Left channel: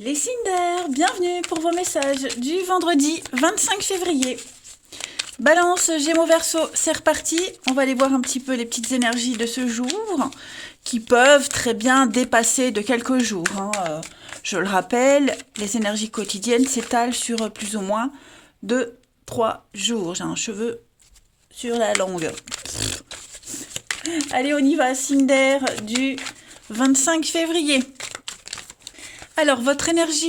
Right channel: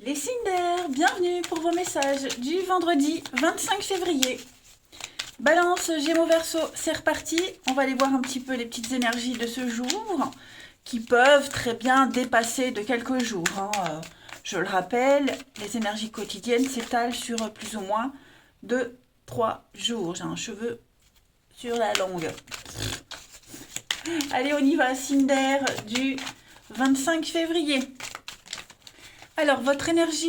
Les signes d'air, bienvenue pour vos messages du vendredi 25 février. Balance, Gémeaux, Verseau, c'est reparti. On va aller voir un petit peu les petites énergies de ce jour qui peuvent très bien dépasser de quelques jours. Je le rappelle, les énergies quotidiennes s'étalent sur plus ou moins de 3 jours. J'ai un cheveu sur la langue. Allez, on y va, signe d'air du 25 février. Alors, votre énergie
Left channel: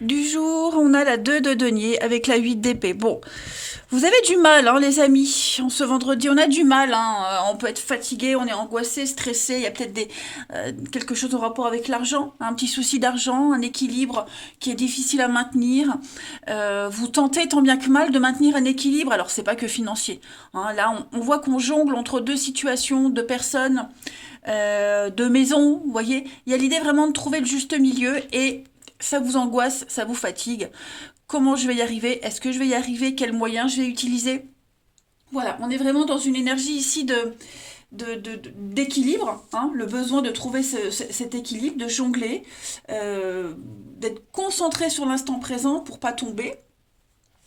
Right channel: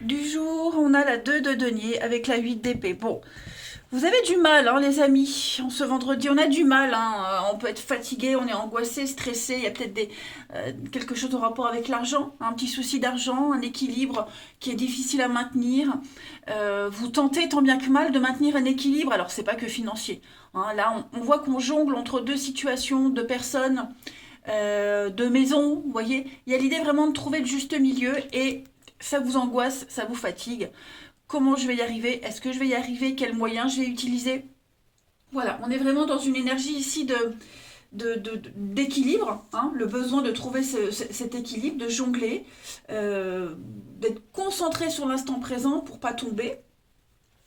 du jour, on a la 2 de denier avec la 8 d'épée. Bon, vous avez du mal, hein, les amis. En ce vendredi, on a du mal. On peut être fatigué, on est angoissé, stressé. Il y a peut-être quelque chose en rapport avec l'argent, un petit souci d'argent, un équilibre qui est difficile à maintenir. Vous tentez tant bien que mal de maintenir un équilibre. Alors, c'est pas que financier. Là, on voit qu'on jongle entre deux situations, deux personnes. De maison, vous voyez, il y a l'idée vraiment de trouver le juste milieu et ça vous angoisse, ça vous fatigue. Comment je vais y arriver? Est-ce que je vais y arriver? Quels moyens je vais utiliser? Voilà, on est vraiment dans une énergie ici d'équilibre, le besoin de trouver cet équilibre, de jongler, d'être concentré sur l'instant présent pour pas tomber.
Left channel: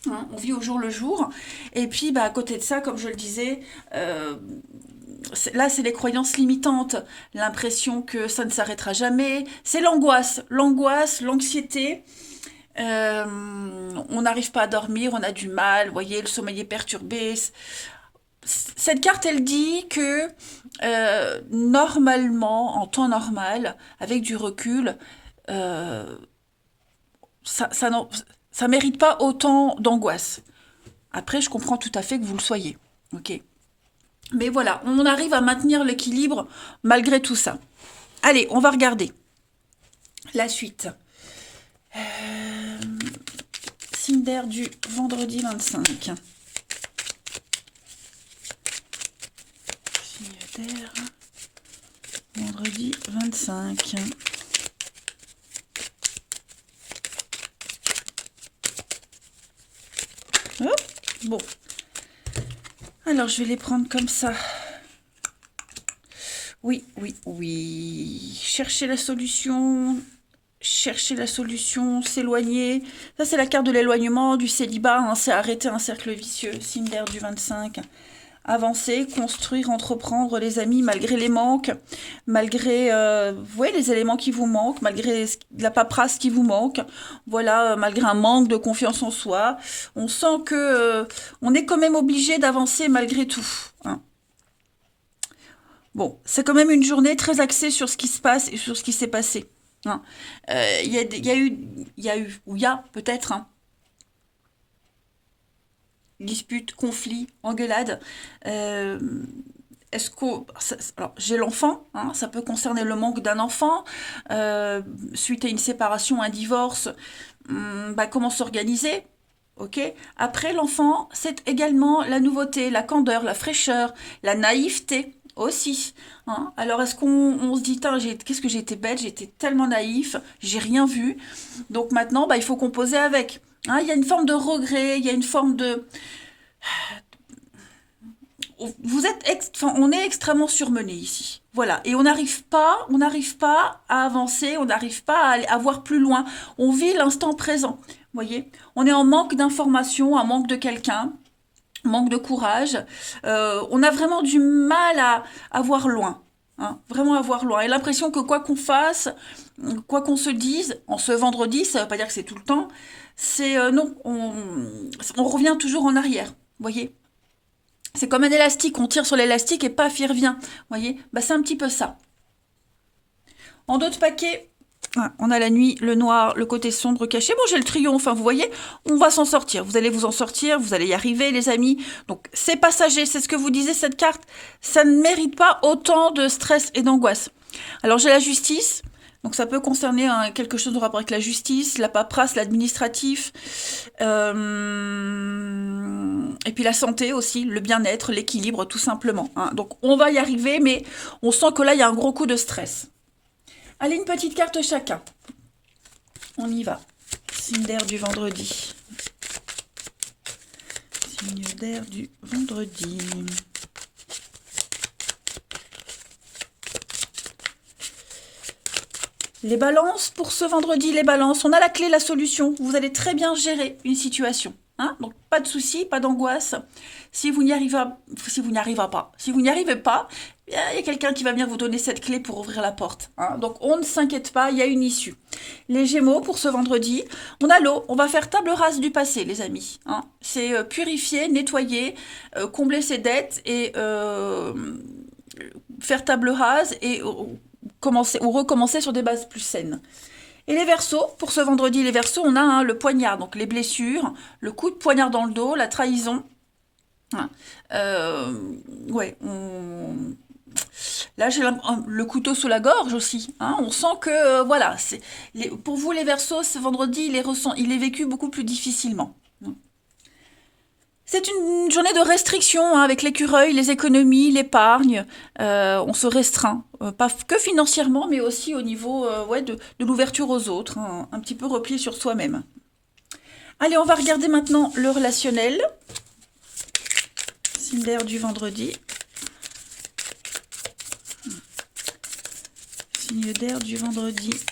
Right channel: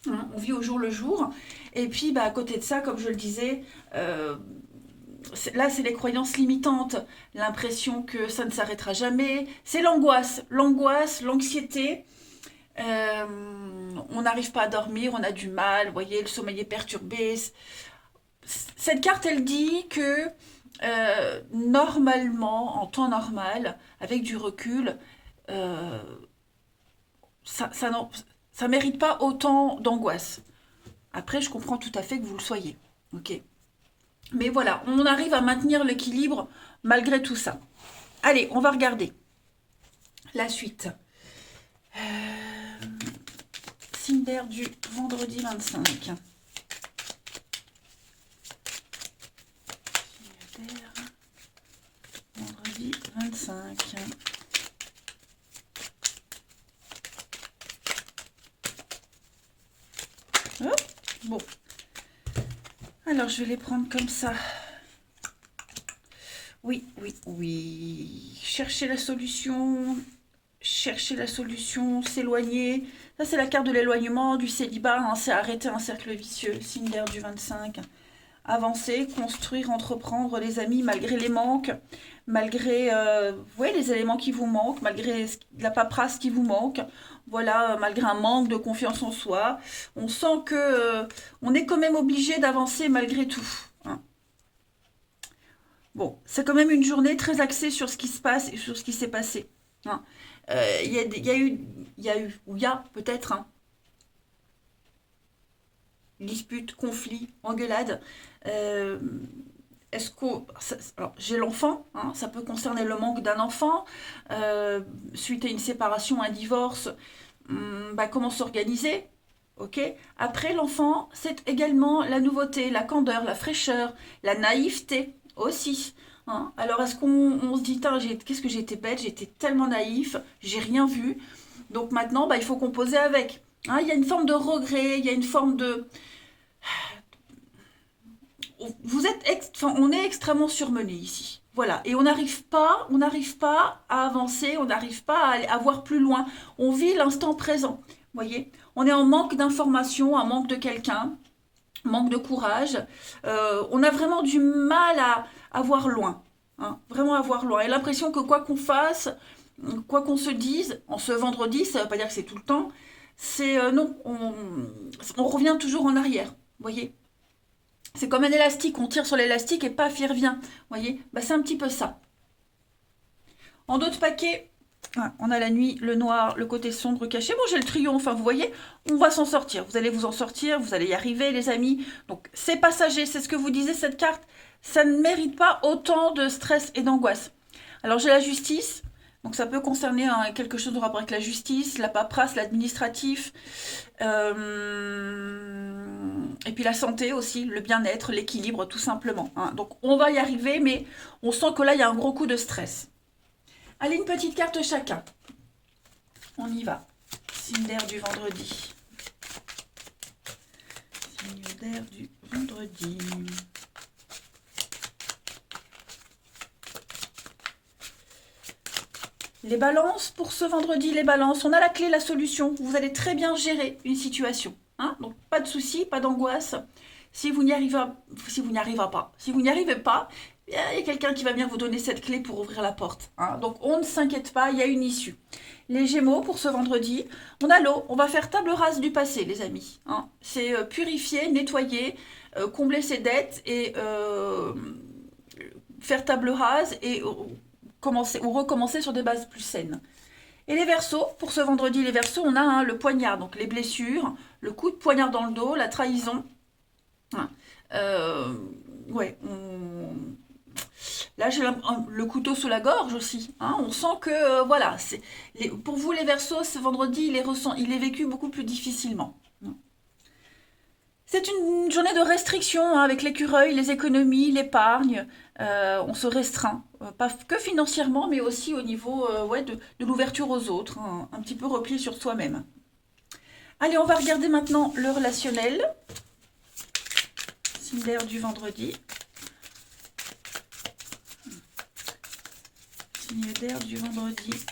On vit au jour le jour. Et puis, à côté de ça, comme je le disais, là, c'est les croyances limitantes, l'impression que ça ne s'arrêtera jamais. C'est l'angoisse, l'anxiété. On n'arrive pas à dormir, on a du mal, vous voyez, le sommeil est perturbé. Cette carte, elle dit que normalement, en temps normal, avec du recul, euh, ça mérite pas autant d'angoisse. Après, je comprends tout à fait que vous le soyez. Ok. Mais voilà, on arrive à maintenir l'équilibre malgré tout ça. Allez, on va regarder la suite. Signe d'air du vendredi 25. Signe d'air, vendredi 25. Oh, bon. Alors, je vais les prendre comme ça. Oui, oui, oui. Chercher la solution, s'éloigner. Ça, c'est la carte de l'éloignement, du célibat. C'est arrêter un cercle vicieux. Signe d'air du 25. Avancer, construire, entreprendre, les amis, malgré les manques, malgré les éléments qui vous manquent, malgré la paperasse qui vous manque, voilà, malgré un manque de confiance en soi. On sent que on est quand même obligé d'avancer malgré tout. Bon, c'est quand même une journée très axée sur ce qui se passe et sur ce qui s'est passé. Il y a peut-être dispute, conflit, engueulade. Euh, Est-ce que alors j'ai l'enfant, ça peut concerner le manque d'un enfant suite à une séparation, un divorce. Comment s'organiser? Ok. Après l'enfant, c'est également la nouveauté, la candeur, la fraîcheur, la naïveté aussi. Alors est-ce qu'on se dit, qu'est-ce que j'ai été bête, j'ai été tellement naïf, j'ai rien vu. Donc maintenant, il faut composer avec. Il y a une forme de regret, il y a une forme de on est extrêmement surmené ici. Voilà, et on n'arrive pas à avancer, on n'arrive pas à voir plus loin. On vit l'instant présent. Vous voyez, on est en manque d'informations, en manque de quelqu'un, manque de courage. On a vraiment du mal à voir loin. Vraiment à voir loin. Et l'impression que quoi qu'on fasse, quoi qu'on se dise, en ce vendredi, ça ne veut pas dire que c'est tout le temps, c'est non, on revient toujours en arrière. Vous voyez, c'est comme un élastique, on tire sur l'élastique et paf, il revient. Vous voyez, c'est un petit peu ça. En d'autres paquets, on a la nuit, le noir, le côté sombre caché. Bon, j'ai le triomphe, vous voyez, on va s'en sortir. Vous allez vous en sortir, vous allez y arriver, les amis. Donc, c'est passager, c'est ce que vous disiez, cette carte. Ça ne mérite pas autant de stress et d'angoisse. Alors, j'ai la justice. Donc ça peut concerner quelque chose en rapport avec la justice, la paperasse, l'administratif, et puis la santé aussi, le bien-être, l'équilibre tout simplement. Donc on va y arriver, mais on sent que là il y a un gros coup de stress. Allez, une petite carte chacun. On y va. Signe d'air du vendredi. Signe d'air du vendredi. Les balances, pour ce vendredi, les balances, on a la clé, la solution. Vous allez très bien gérer une situation. Hein, donc, pas de souci, pas d'angoisse. Si vous n'y arrivez, si vous n'y arrivez pas, si vous n'y arrivez pas, il y a quelqu'un qui va venir vous donner cette clé pour ouvrir la porte. Hein. Donc, on ne s'inquiète pas, il y a une issue. Les Gémeaux, pour ce vendredi, on a l'eau. On va faire table rase du passé, les amis. Hein. C'est purifier, nettoyer, combler ses dettes et faire table rase et commencer ou recommencer sur des bases plus saines. Et les Verseaux, pour ce vendredi, les Verseaux, on a le poignard, donc les blessures, le coup de poignard dans le dos, la trahison. Ouais, là j'ai le couteau sous la gorge aussi. Hein, on sent que, voilà, pour vous les Verseaux, ce vendredi, il est vécu beaucoup plus difficilement. C'est une journée de restriction hein, avec l'écureuil, les économies, l'épargne. On se restreint, pas que financièrement, mais aussi au niveau ouais, de l'ouverture aux autres, hein, un petit peu replié sur soi-même. Allez, on va regarder maintenant le relationnel. Signe d'air du vendredi. Signe d'air du vendredi.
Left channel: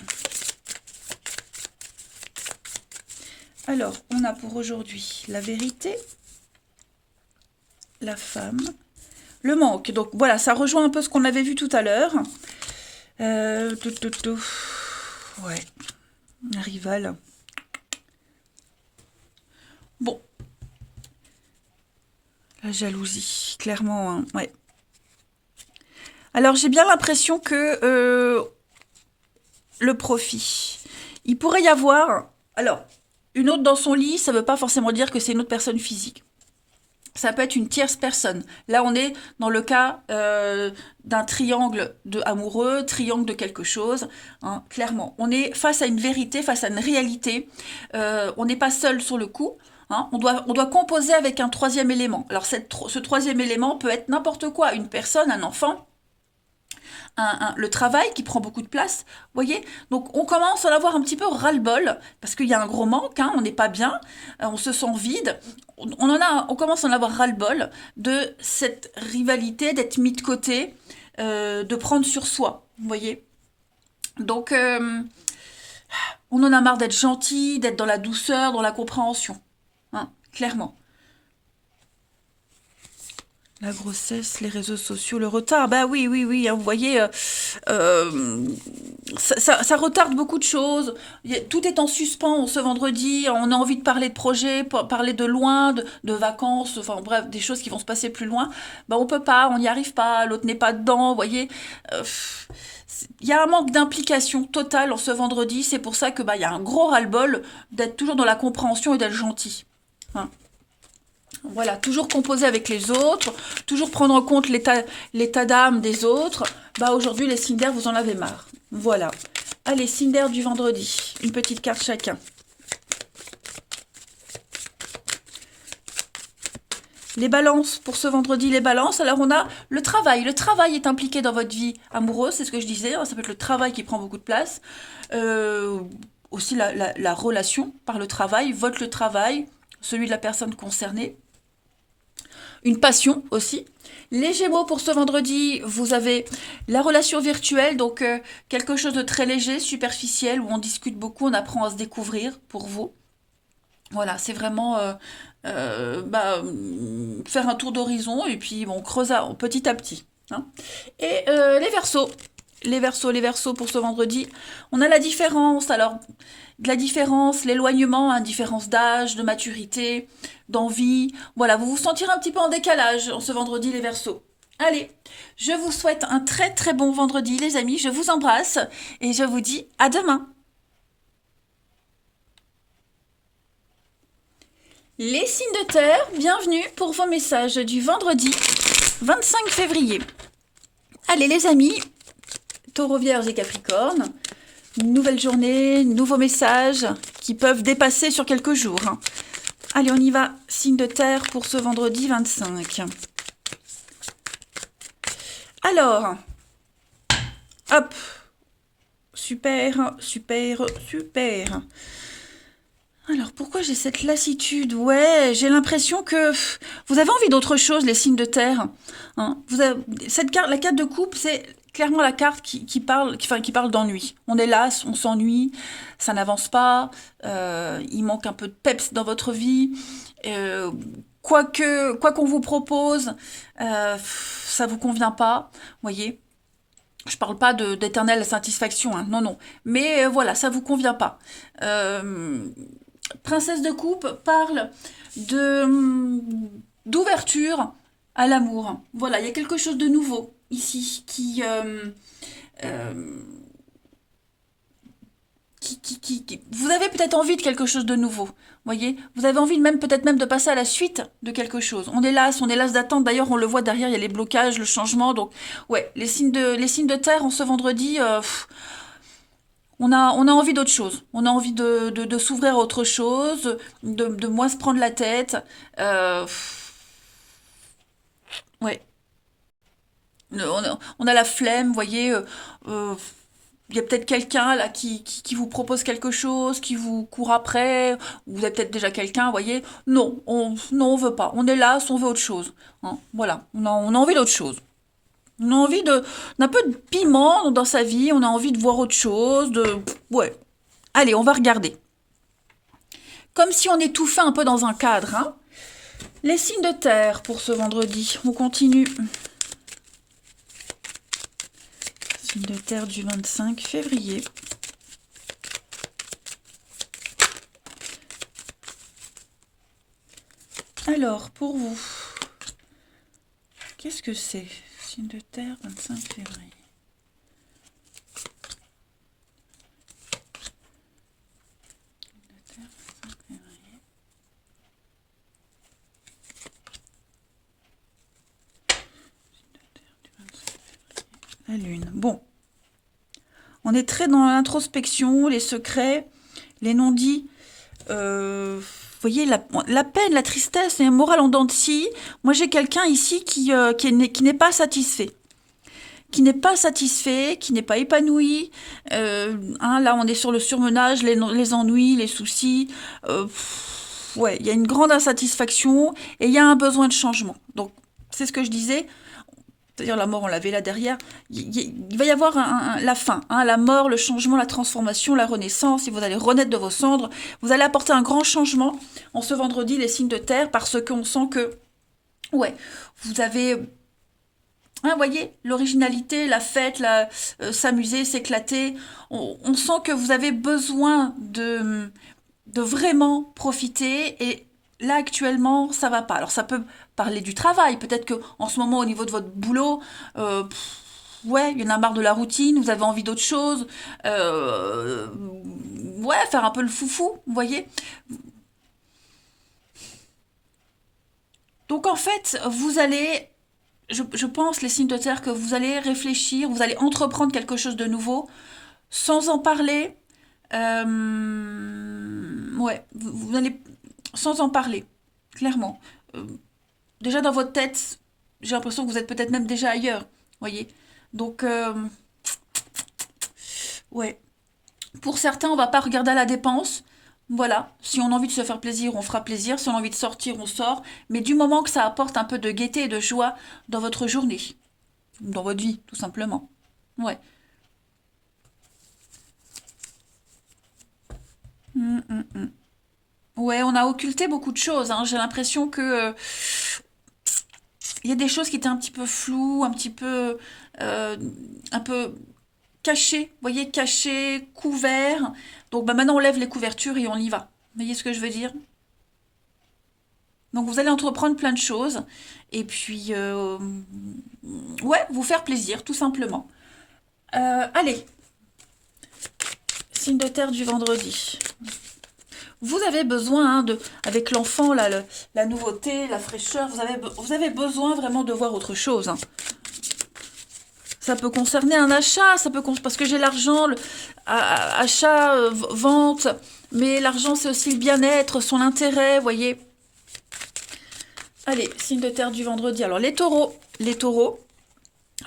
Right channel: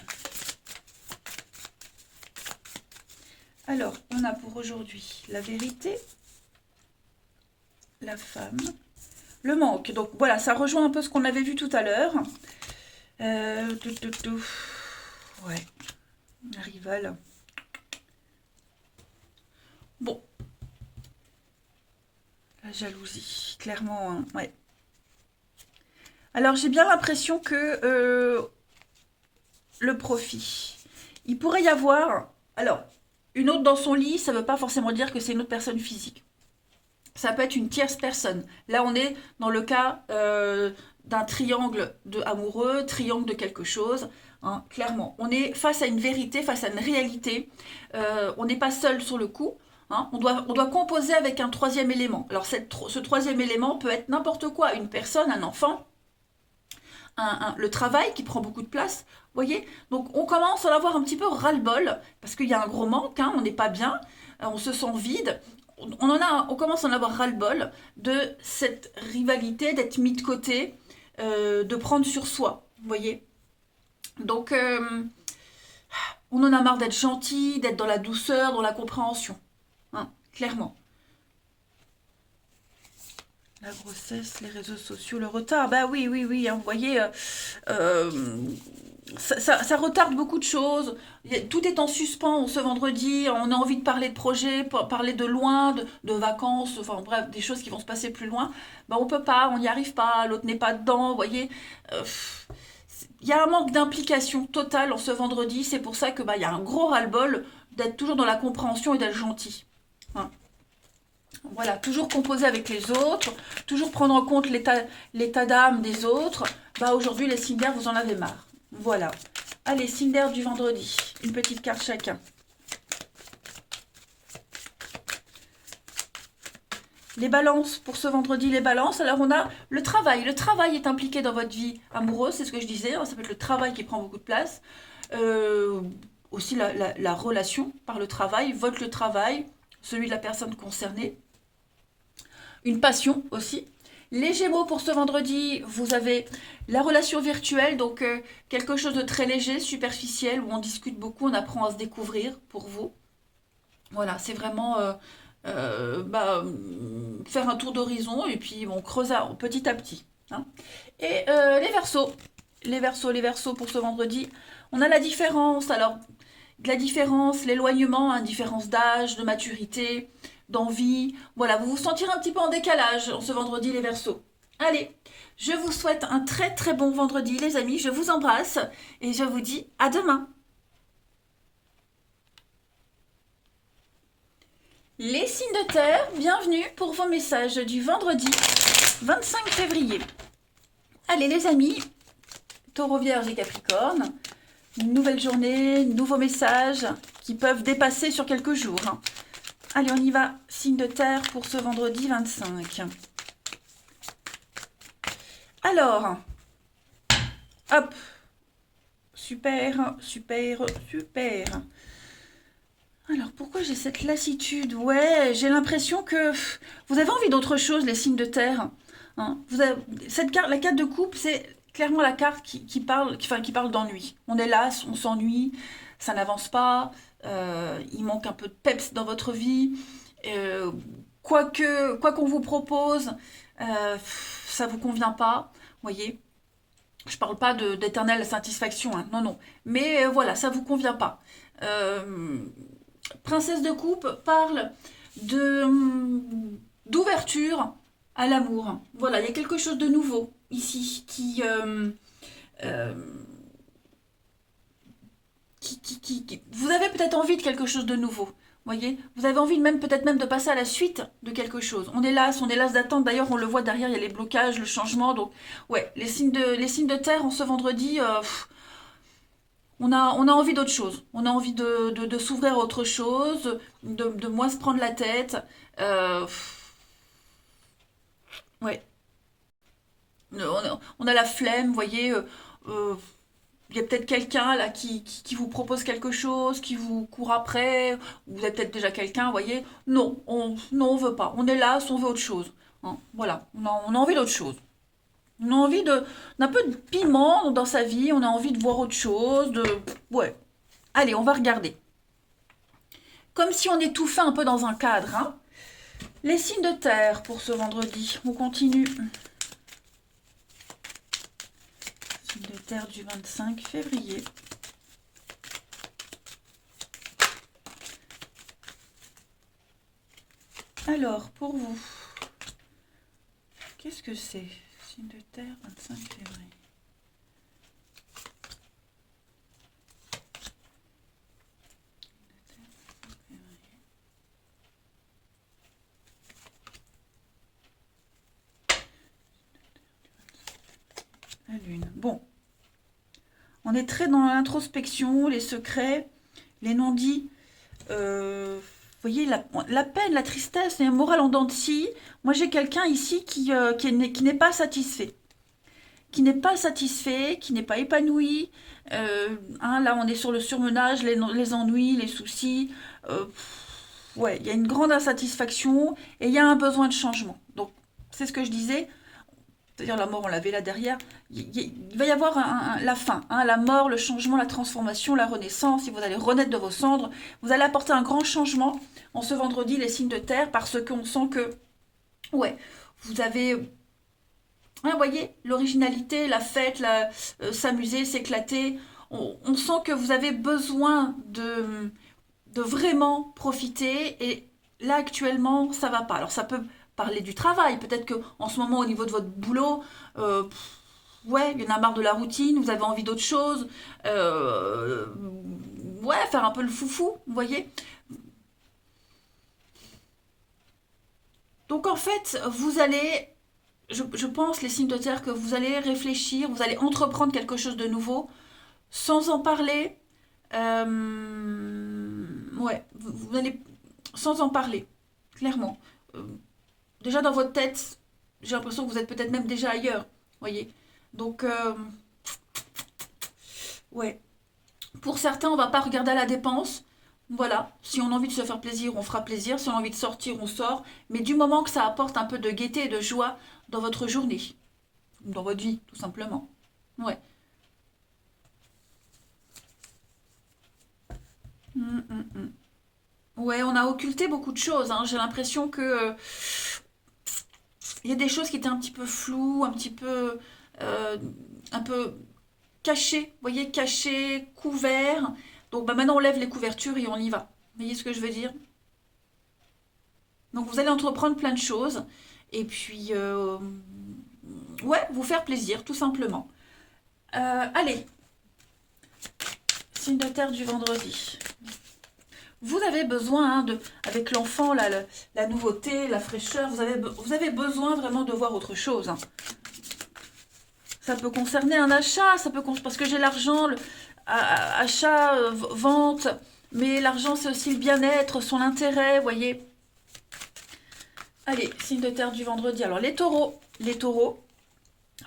Alors, on a pour aujourd'hui la vérité, la femme, le manque. Donc voilà, ça rejoint un peu ce qu'on avait vu tout à l'heure. Ouais, un rival. Bon. La jalousie, clairement, hein, ouais. Alors j'ai bien l'impression que le profit, il pourrait y avoir... Alors, une autre dans son lit, ça ne veut pas forcément dire que c'est une autre personne physique. Ça peut être une tierce personne. Là, on est dans le cas d'un triangle amoureux, triangle de quelque chose. Hein, clairement, on est face à une vérité, face à une réalité. On n'est pas seul sur le coup. Hein, on doit composer avec un troisième élément. Alors, ce troisième élément peut être n'importe quoi. Une personne, un enfant, le travail qui prend beaucoup de place, vous voyez. Donc on commence à en avoir un petit peu ras-le-bol, parce qu'il y a un gros manque, hein, on n'est pas bien, on se sent vide, on commence à en avoir ras-le-bol de cette rivalité, d'être mis de côté, de prendre sur soi, vous voyez. Donc on en a marre d'être gentil, d'être dans la douceur, dans la compréhension, hein, clairement. La grossesse, les réseaux sociaux, le retard, bah oui, oui, oui, hein, vous voyez, ça retarde beaucoup de choses. Tout est en suspens ce vendredi, on a envie de parler de projets, parler de loin, de vacances, enfin bref, des choses qui vont se passer plus loin. Bah on peut pas, on n'y arrive pas, l'autre n'est pas dedans, vous voyez. Il y a un manque d'implication totale en ce vendredi, c'est pour ça que bah, il y a un gros ras-le-bol d'être toujours dans la compréhension et d'être gentil. Hein. Voilà, toujours composer avec les autres, toujours prendre en compte l'état d'âme des autres. Bah aujourd'hui, les signes d'air, vous en avez marre. Voilà. Allez, signe d'air du vendredi. Une petite carte chacun. Les balances, pour ce vendredi, les balances. Alors on a le travail. Le travail est impliqué dans votre vie amoureuse, c'est ce que je disais. Ça peut être le travail qui prend beaucoup de place. Aussi la relation par le travail, le travail, celui de la personne concernée. Une passion aussi. Les Gémeaux, pour ce vendredi, vous avez la relation virtuelle, donc quelque chose de très léger, superficiel, où on discute beaucoup, on apprend à se découvrir pour vous. Voilà, c'est vraiment faire un tour d'horizon et puis on creuse petit à petit. Hein. Et les Verseaux. Les Verseaux pour ce vendredi. On a la différence, alors de la différence, l'éloignement, hein, différence d'âge, de maturité, d'envie. Voilà, vous vous sentirez un petit peu en décalage ce vendredi, les Verseaux. Allez, je vous souhaite un très très bon vendredi, les amis. Je vous embrasse et je vous dis à demain. Les signes de terre, bienvenue pour vos messages du vendredi 25 février. Allez les amis, Taureau, Vierge et Capricorne, nouvelle journée, nouveaux messages qui peuvent dépasser sur quelques jours. Allez, on y va, signe de terre pour ce vendredi 25. Alors, hop, super, super, super. Alors, pourquoi j'ai cette lassitude? Ouais, j'ai l'impression que vous avez envie d'autre chose, les signes de terre. Hein. Cette carte, la carte de coupe, c'est clairement la carte qui parle d'ennui. On est là, on s'ennuie, ça n'avance pas, il manque un peu de peps dans votre vie. euh, quoi qu'on vous propose, ça vous convient pas, voyez. Je parle pas d'éternelle satisfaction, hein, non, non. Mais voilà, ça vous convient pas. Euh, Princesse de coupe parle de d'ouverture à l'amour. Voilà, il y a quelque chose de nouveau ici euh, vous avez peut-être envie de quelque chose de nouveau. Voyez, vous avez envie même peut-être même de passer à la suite de quelque chose. On est las d'attente. D'ailleurs, on le voit derrière, il y a les blocages, le changement. Donc, ouais, les signes de terre en ce vendredi, on a envie d'autre chose. On a envie de s'ouvrir à autre chose, de moins se prendre la tête. Ouais, on a la flemme, vous voyez. Euh, il y a peut-être quelqu'un là qui vous propose quelque chose, qui vous court après, ou vous avez peut-être déjà quelqu'un, vous voyez. Non, non, on veut pas. On est là, on veut autre chose. Hein, voilà, on a envie d'autre chose. On a envie d'un peu de piment dans sa vie, on a envie de voir autre chose, Ouais. Allez, on va regarder. Comme si on étouffait un peu dans un cadre, hein. Les signes de terre pour ce vendredi. On continue. Signe de terre du 25 février. Alors, pour vous, qu'est-ce que c'est? Signe de terre, 25 février. La lune. Bon. On est très dans l'introspection, les secrets, les non-dits. Vous voyez, la peine, la tristesse, les morales en dents de scie. Moi, j'ai quelqu'un ici qui n'est pas satisfait. Qui n'est pas satisfait, qui n'est pas épanoui. Hein, là, on est sur le surmenage, les ennuis, les soucis. Ouais, il y a une grande insatisfaction et il y a un besoin de changement. Donc, c'est ce que je disais. C'est-à-dire la mort, on l'avait là derrière. Il va y avoir la fin, hein, la mort, le changement, la transformation, la renaissance. Si vous allez renaître de vos cendres, vous allez apporter un grand changement en ce vendredi, les signes de terre, parce qu'on sent que, ouais, vous avez, hein, voyez, l'originalité, la fête, s'amuser, s'éclater. On sent que vous avez besoin de vraiment profiter et là actuellement ça va pas. Alors ça peut parler du travail, peut-être que en ce moment au niveau de votre boulot, ouais, il y en a marre de la routine, vous avez envie d'autre chose, ouais, faire un peu le foufou, vous voyez. Donc en fait, vous allez, je pense les signes de terre que vous allez réfléchir, vous allez entreprendre quelque chose de nouveau sans en parler. Ouais, vous allez sans en parler, clairement. Euh, Déjà dans votre tête, j'ai l'impression que vous êtes peut-être même déjà ailleurs, voyez. Donc, ouais. Pour certains, on va pas regarder à la dépense. Voilà, si on a envie de se faire plaisir, on fera plaisir. Si on a envie de sortir, on sort. Mais du moment que ça apporte un peu de gaieté et de joie dans votre journée, dans votre vie, tout simplement. Ouais. Mm. Ouais, on a occulté beaucoup de choses, hein. J'ai l'impression que il y a des choses qui étaient un petit peu floues, euh, un peu cachées, vous voyez, cachées, couverts. Donc bah, maintenant on lève les couvertures et on y va. Vous voyez ce que je veux dire? Donc vous allez entreprendre plein de choses et puis ouais, vous faire plaisir tout simplement. Allez, signe de terre du vendredi. Vous avez besoin, hein, avec l'enfant, la nouveauté, la fraîcheur, vous avez besoin vraiment de voir autre chose, hein. Ça peut concerner un achat, parce que j'ai l'argent, achat, vente, mais l'argent c'est aussi le bien-être, son intérêt, vous voyez. Allez, signe de terre du vendredi. Alors les taureaux,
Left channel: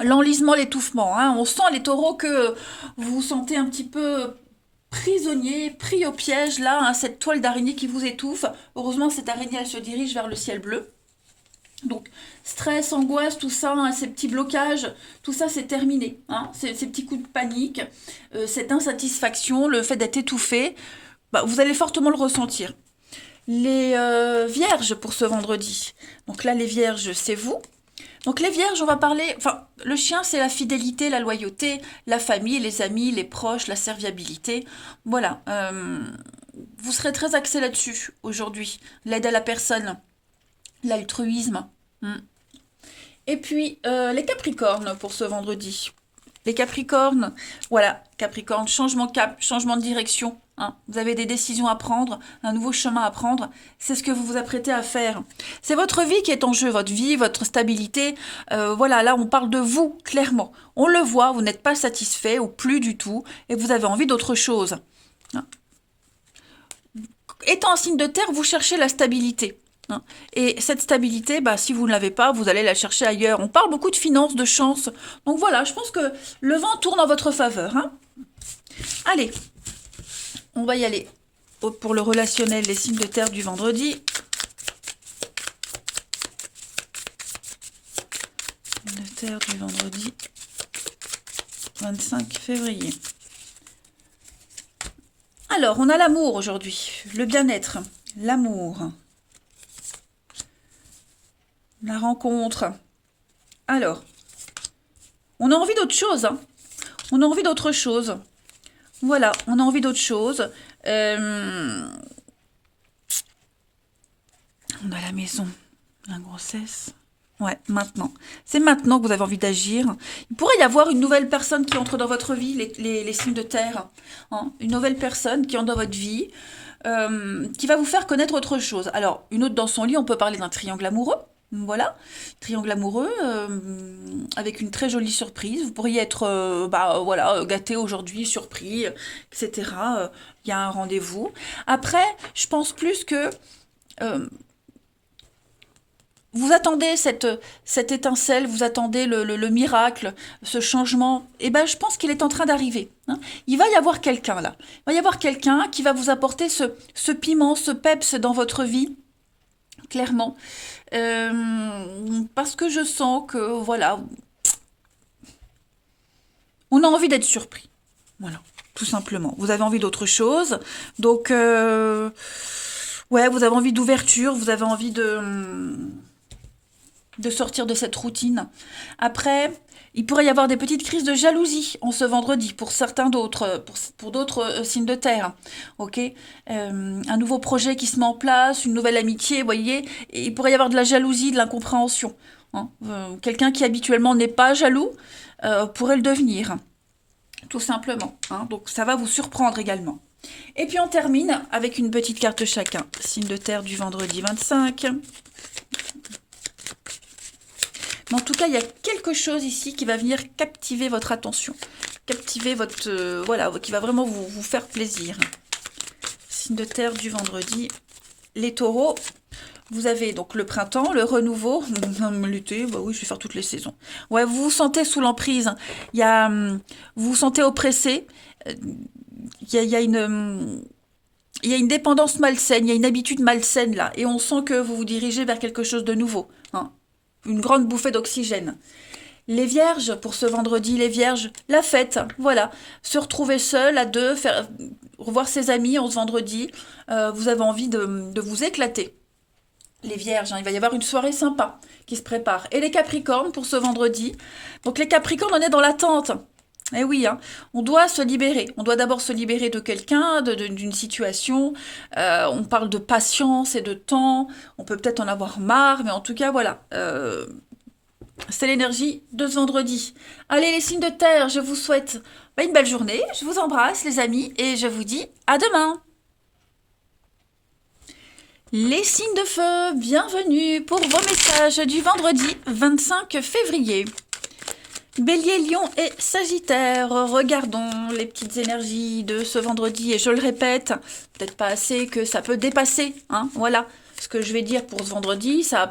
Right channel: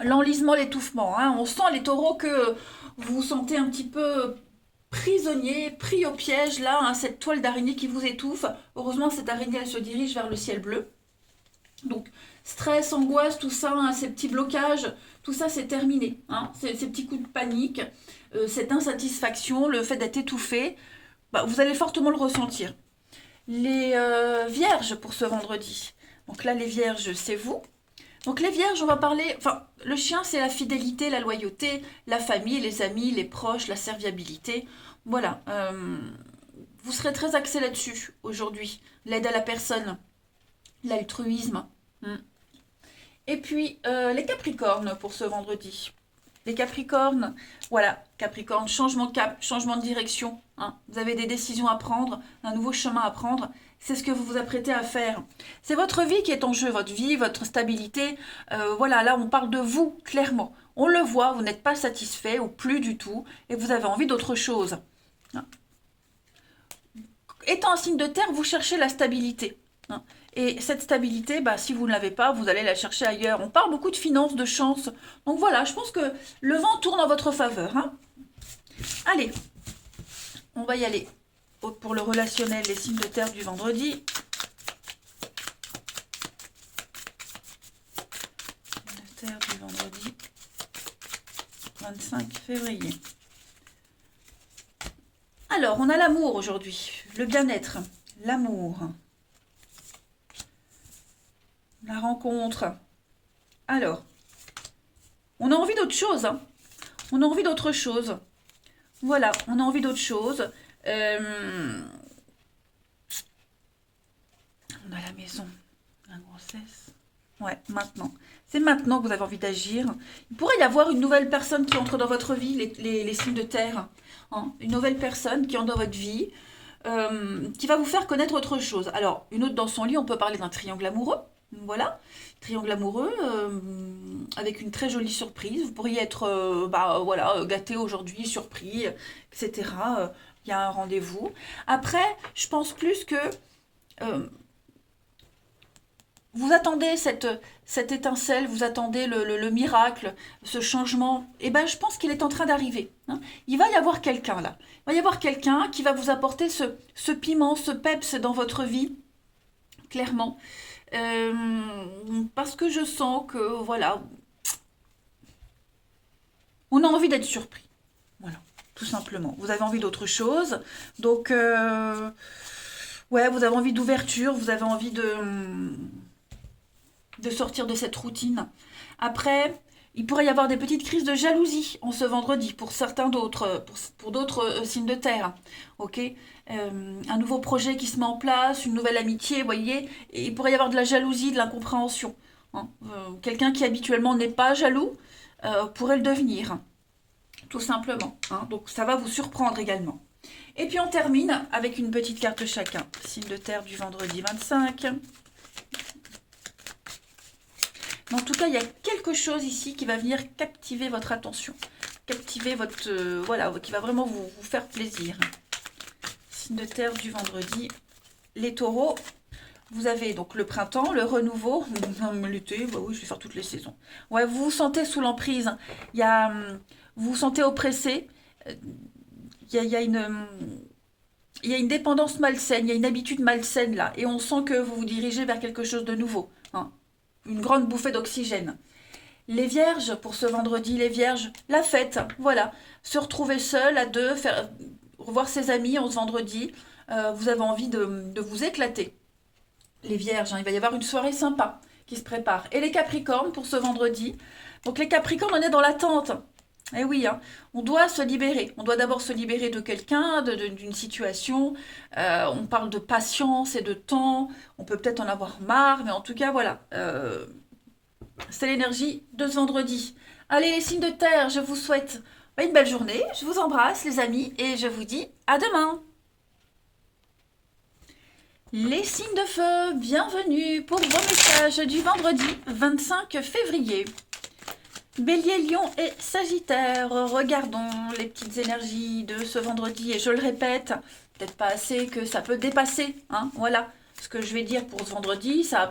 l'enlisement, l'étouffement, hein. On sent les taureaux que vous vous sentez un petit peu prisonnier, pris au piège là, hein, cette toile d'araignée qui vous étouffe. Heureusement cette araignée elle se dirige vers le ciel bleu. Donc, stress, angoisse, tout ça, hein, ces petits blocages, tout ça, c'est terminé. Hein, ces petits coups de panique, cette insatisfaction, le fait d'être étouffé, bah, vous allez fortement le ressentir. Les vierges pour ce vendredi. Donc là, les vierges, c'est vous. Donc les vierges, on va parler... Enfin, le chien, c'est la fidélité, la loyauté, la famille, les amis, les proches, la serviabilité. Voilà. Vous serez très axé là-dessus aujourd'hui. L'aide à la personne, l'altruisme. Hmm. Et puis, les Capricornes pour ce vendredi. Les Capricornes, voilà, Capricorne, changement de cap, changement de direction. Hein. Vous avez des décisions à prendre, un nouveau chemin à prendre. C'est ce que vous vous apprêtez à faire. C'est votre vie qui est en jeu, votre vie, votre stabilité. Voilà, là, on parle de vous, clairement. On le voit, vous n'êtes pas satisfait ou plus du tout, et vous avez envie d'autre chose. Hein. Étant un signe de terre, vous cherchez la stabilité. Hein. Et cette stabilité, bah, si vous ne l'avez pas, vous allez la chercher ailleurs. On parle beaucoup de finances, de chance. Donc voilà, je pense que le vent tourne en votre faveur. Hein. Allez, on va y aller pour le relationnel, les signes de terre du vendredi. Signes de terre du vendredi 25 février. Alors, on a l'amour aujourd'hui, le bien-être, l'amour, la rencontre. Alors, on a envie d'autre chose. Hein. On a envie d'autre chose. Voilà, on a envie d'autre chose. On a la maison, la grossesse. Ouais, maintenant. C'est maintenant que vous avez envie d'agir. Il pourrait y avoir une nouvelle personne qui entre dans votre vie, les signes de terre. Hein. Une nouvelle personne qui entre dans votre vie, qui va vous faire connaître autre chose. Alors, une autre dans son lit, on peut parler d'un triangle amoureux. Voilà, triangle amoureux, avec une très jolie surprise. Vous pourriez être voilà, gâté aujourd'hui, surpris, etc. Il y a un rendez-vous. Après, je pense plus que vous attendez cette étincelle, vous attendez le miracle, ce changement. Et ben, je pense qu'il est en train d'arriver. Hein. Il va y avoir quelqu'un là. Il va y avoir quelqu'un qui va vous apporter ce piment, ce peps dans votre vie, clairement. Parce que je sens que, voilà, on a envie d'être surpris. Voilà, tout simplement. Vous avez envie d'autre chose. Donc, ouais, vous avez envie d'ouverture, vous avez envie de sortir de cette routine. Après, il pourrait y avoir des petites crises de jalousie en ce vendredi pour certains d'autres, pour d'autres signes de terre. Ok. Un nouveau projet qui se met en place, une nouvelle amitié, vous voyez. Et il pourrait y avoir de la jalousie, de l'incompréhension. Hein. Quelqu'un qui habituellement n'est pas jaloux pourrait le devenir, tout simplement. Hein. Donc ça va vous surprendre également. Et puis on termine avec une petite carte chacun. Signe de terre du vendredi 25. Mais en tout cas, il y a quelque chose ici qui va venir captiver votre attention. Captiver votre... voilà, qui va vraiment vous faire plaisir. Signe de terre du vendredi. Les taureaux, vous avez donc le printemps, le renouveau. L'été, bah oui, je vais faire toutes les saisons. Ouais, vous vous sentez sous l'emprise. Il y a, vous vous sentez oppressé. Il y a une... Il y a une dépendance malsaine, il y a une habitude malsaine là. Et on sent que vous vous dirigez vers quelque chose de nouveau. Hein. Une grande bouffée d'oxygène. Les vierges, pour ce vendredi, les vierges, la fête, voilà. Se retrouver seul, à deux, revoir ses amis en ce vendredi. Vous avez envie de vous éclater. Les vierges, hein, il va y avoir une soirée sympa qui se prépare. Et les capricornes, pour ce vendredi. Donc les capricornes, on est dans l'attente. Eh oui, hein, on doit se libérer. On doit d'abord se libérer de quelqu'un, d'une situation. On parle de patience et de temps. On peut peut-être en avoir marre, mais en tout cas, voilà. C'est l'énergie de ce vendredi. Allez, les signes de terre, je vous souhaite une belle journée. Je vous embrasse, les amis, et je vous dis à demain. Les signes de feu, bienvenue pour vos messages du vendredi 25 février. Bélier, Lion et Sagittaire, regardons les petites énergies de ce vendredi. Et je le répète, peut-être pas assez, que ça peut dépasser. Hein, voilà ce que je vais dire pour ce vendredi. Ça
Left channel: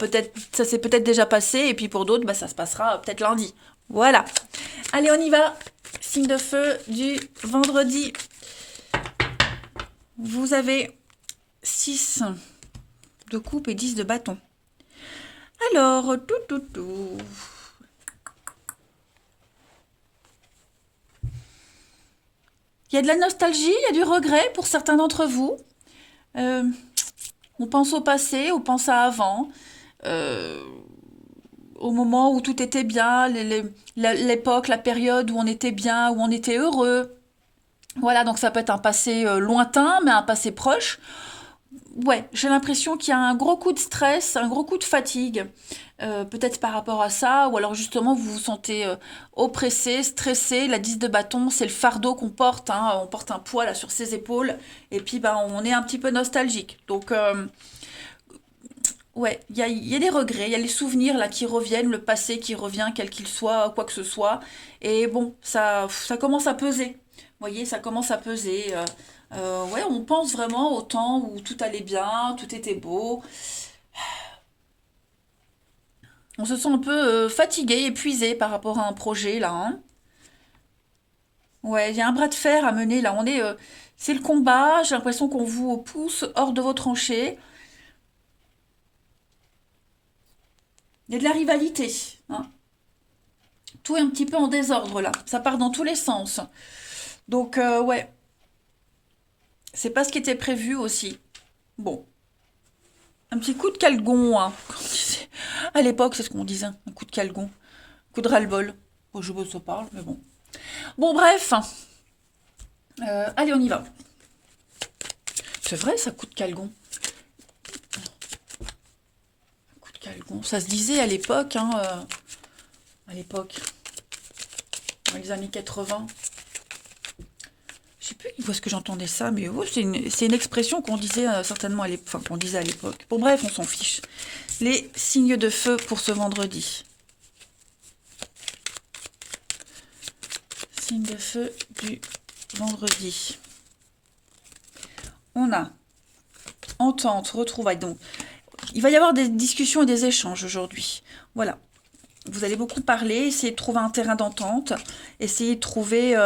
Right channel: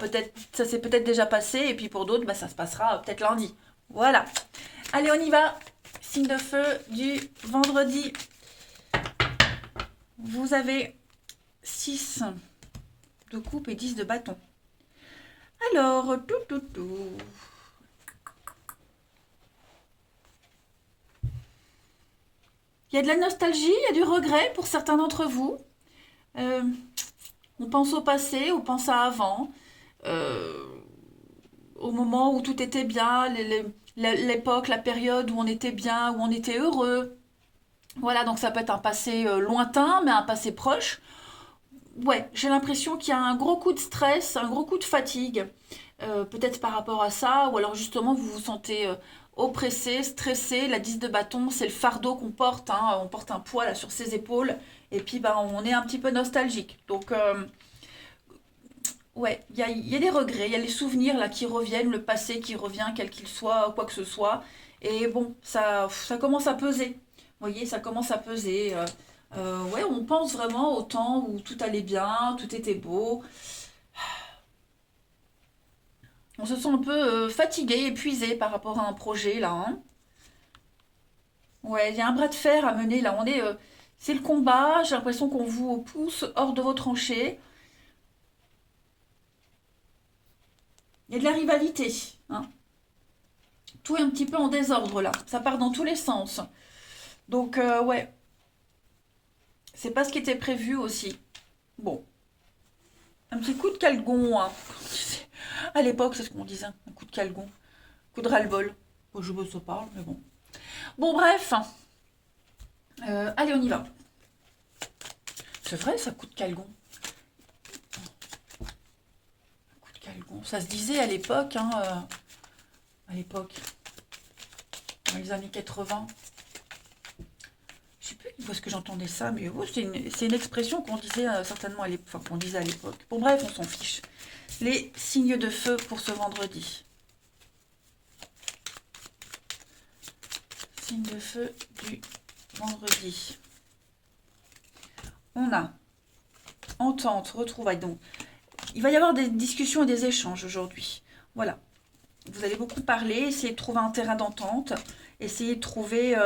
s'est peut-être déjà passé. Et puis pour d'autres, bah, ça se passera peut-être lundi. Voilà. Allez, on y va. Signe de feu du vendredi. Vous avez 6 de coupe et 10 de bâton. Alors, tout. Il y a de la nostalgie, il y a du regret pour certains d'entre vous. Euh, on pense au passé, on pense à avant, euh, au moment où tout était bien, l'époque, la période où on était bien, où on était heureux. Voilà, donc ça peut être un passé lointain, mais un passé proche. Ouais, j'ai l'impression qu'il y a un gros coup de stress, un gros coup de fatigue, peut-être par rapport à ça, ou alors justement vous vous sentez oppressé, stressé. La 10 de bâton, c'est le fardeau qu'on porte, hein, on porte un poids là sur ses épaules, et puis ben, on est un petit peu nostalgique. Donc ouais, il y a des regrets, il y a les souvenirs là qui reviennent, le passé qui revient, quel qu'il soit, quoi que ce soit, et bon, ça commence à peser. Vous voyez, ça commence à peser. Ouais, on pense vraiment au temps où tout allait bien, tout était beau. On se sent un peu fatigué, épuisé par rapport à un projet là, hein. Ouais, il y a un bras de fer à mener là. C'est le combat. J'ai l'impression qu'on vous pousse hors de vos tranchées. Il y a de la rivalité, hein. Tout est un petit peu en désordre là. Ça part dans tous les sens. Donc ouais, c'est pas ce qui était prévu aussi. Bon, un petit coup de calgon, hein. À l'époque, c'est ce qu'on disait, un coup de calgon, un coup de ras-le-bol. Bon, je me parle, mais bon. Bon, bref. Allez, on y va. C'est vrai, ça, coup de calgon. Coup de calgon. Ça se disait à l'époque, hein, à l'époque, dans les années 80. Je sais plus où est-ce que j'entendais ça, mais ouais, c'est une expression qu'on disait certainement à l'époque. Enfin, qu'on disait à l'époque. Bon, bref, on s'en fiche. Les signes de feu pour ce vendredi. Signes de feu du vendredi. On a entente, retrouvailles. Donc, il va y avoir des discussions et des échanges aujourd'hui. Voilà. Vous allez beaucoup parler, essayer de trouver un terrain d'entente, essayer de trouver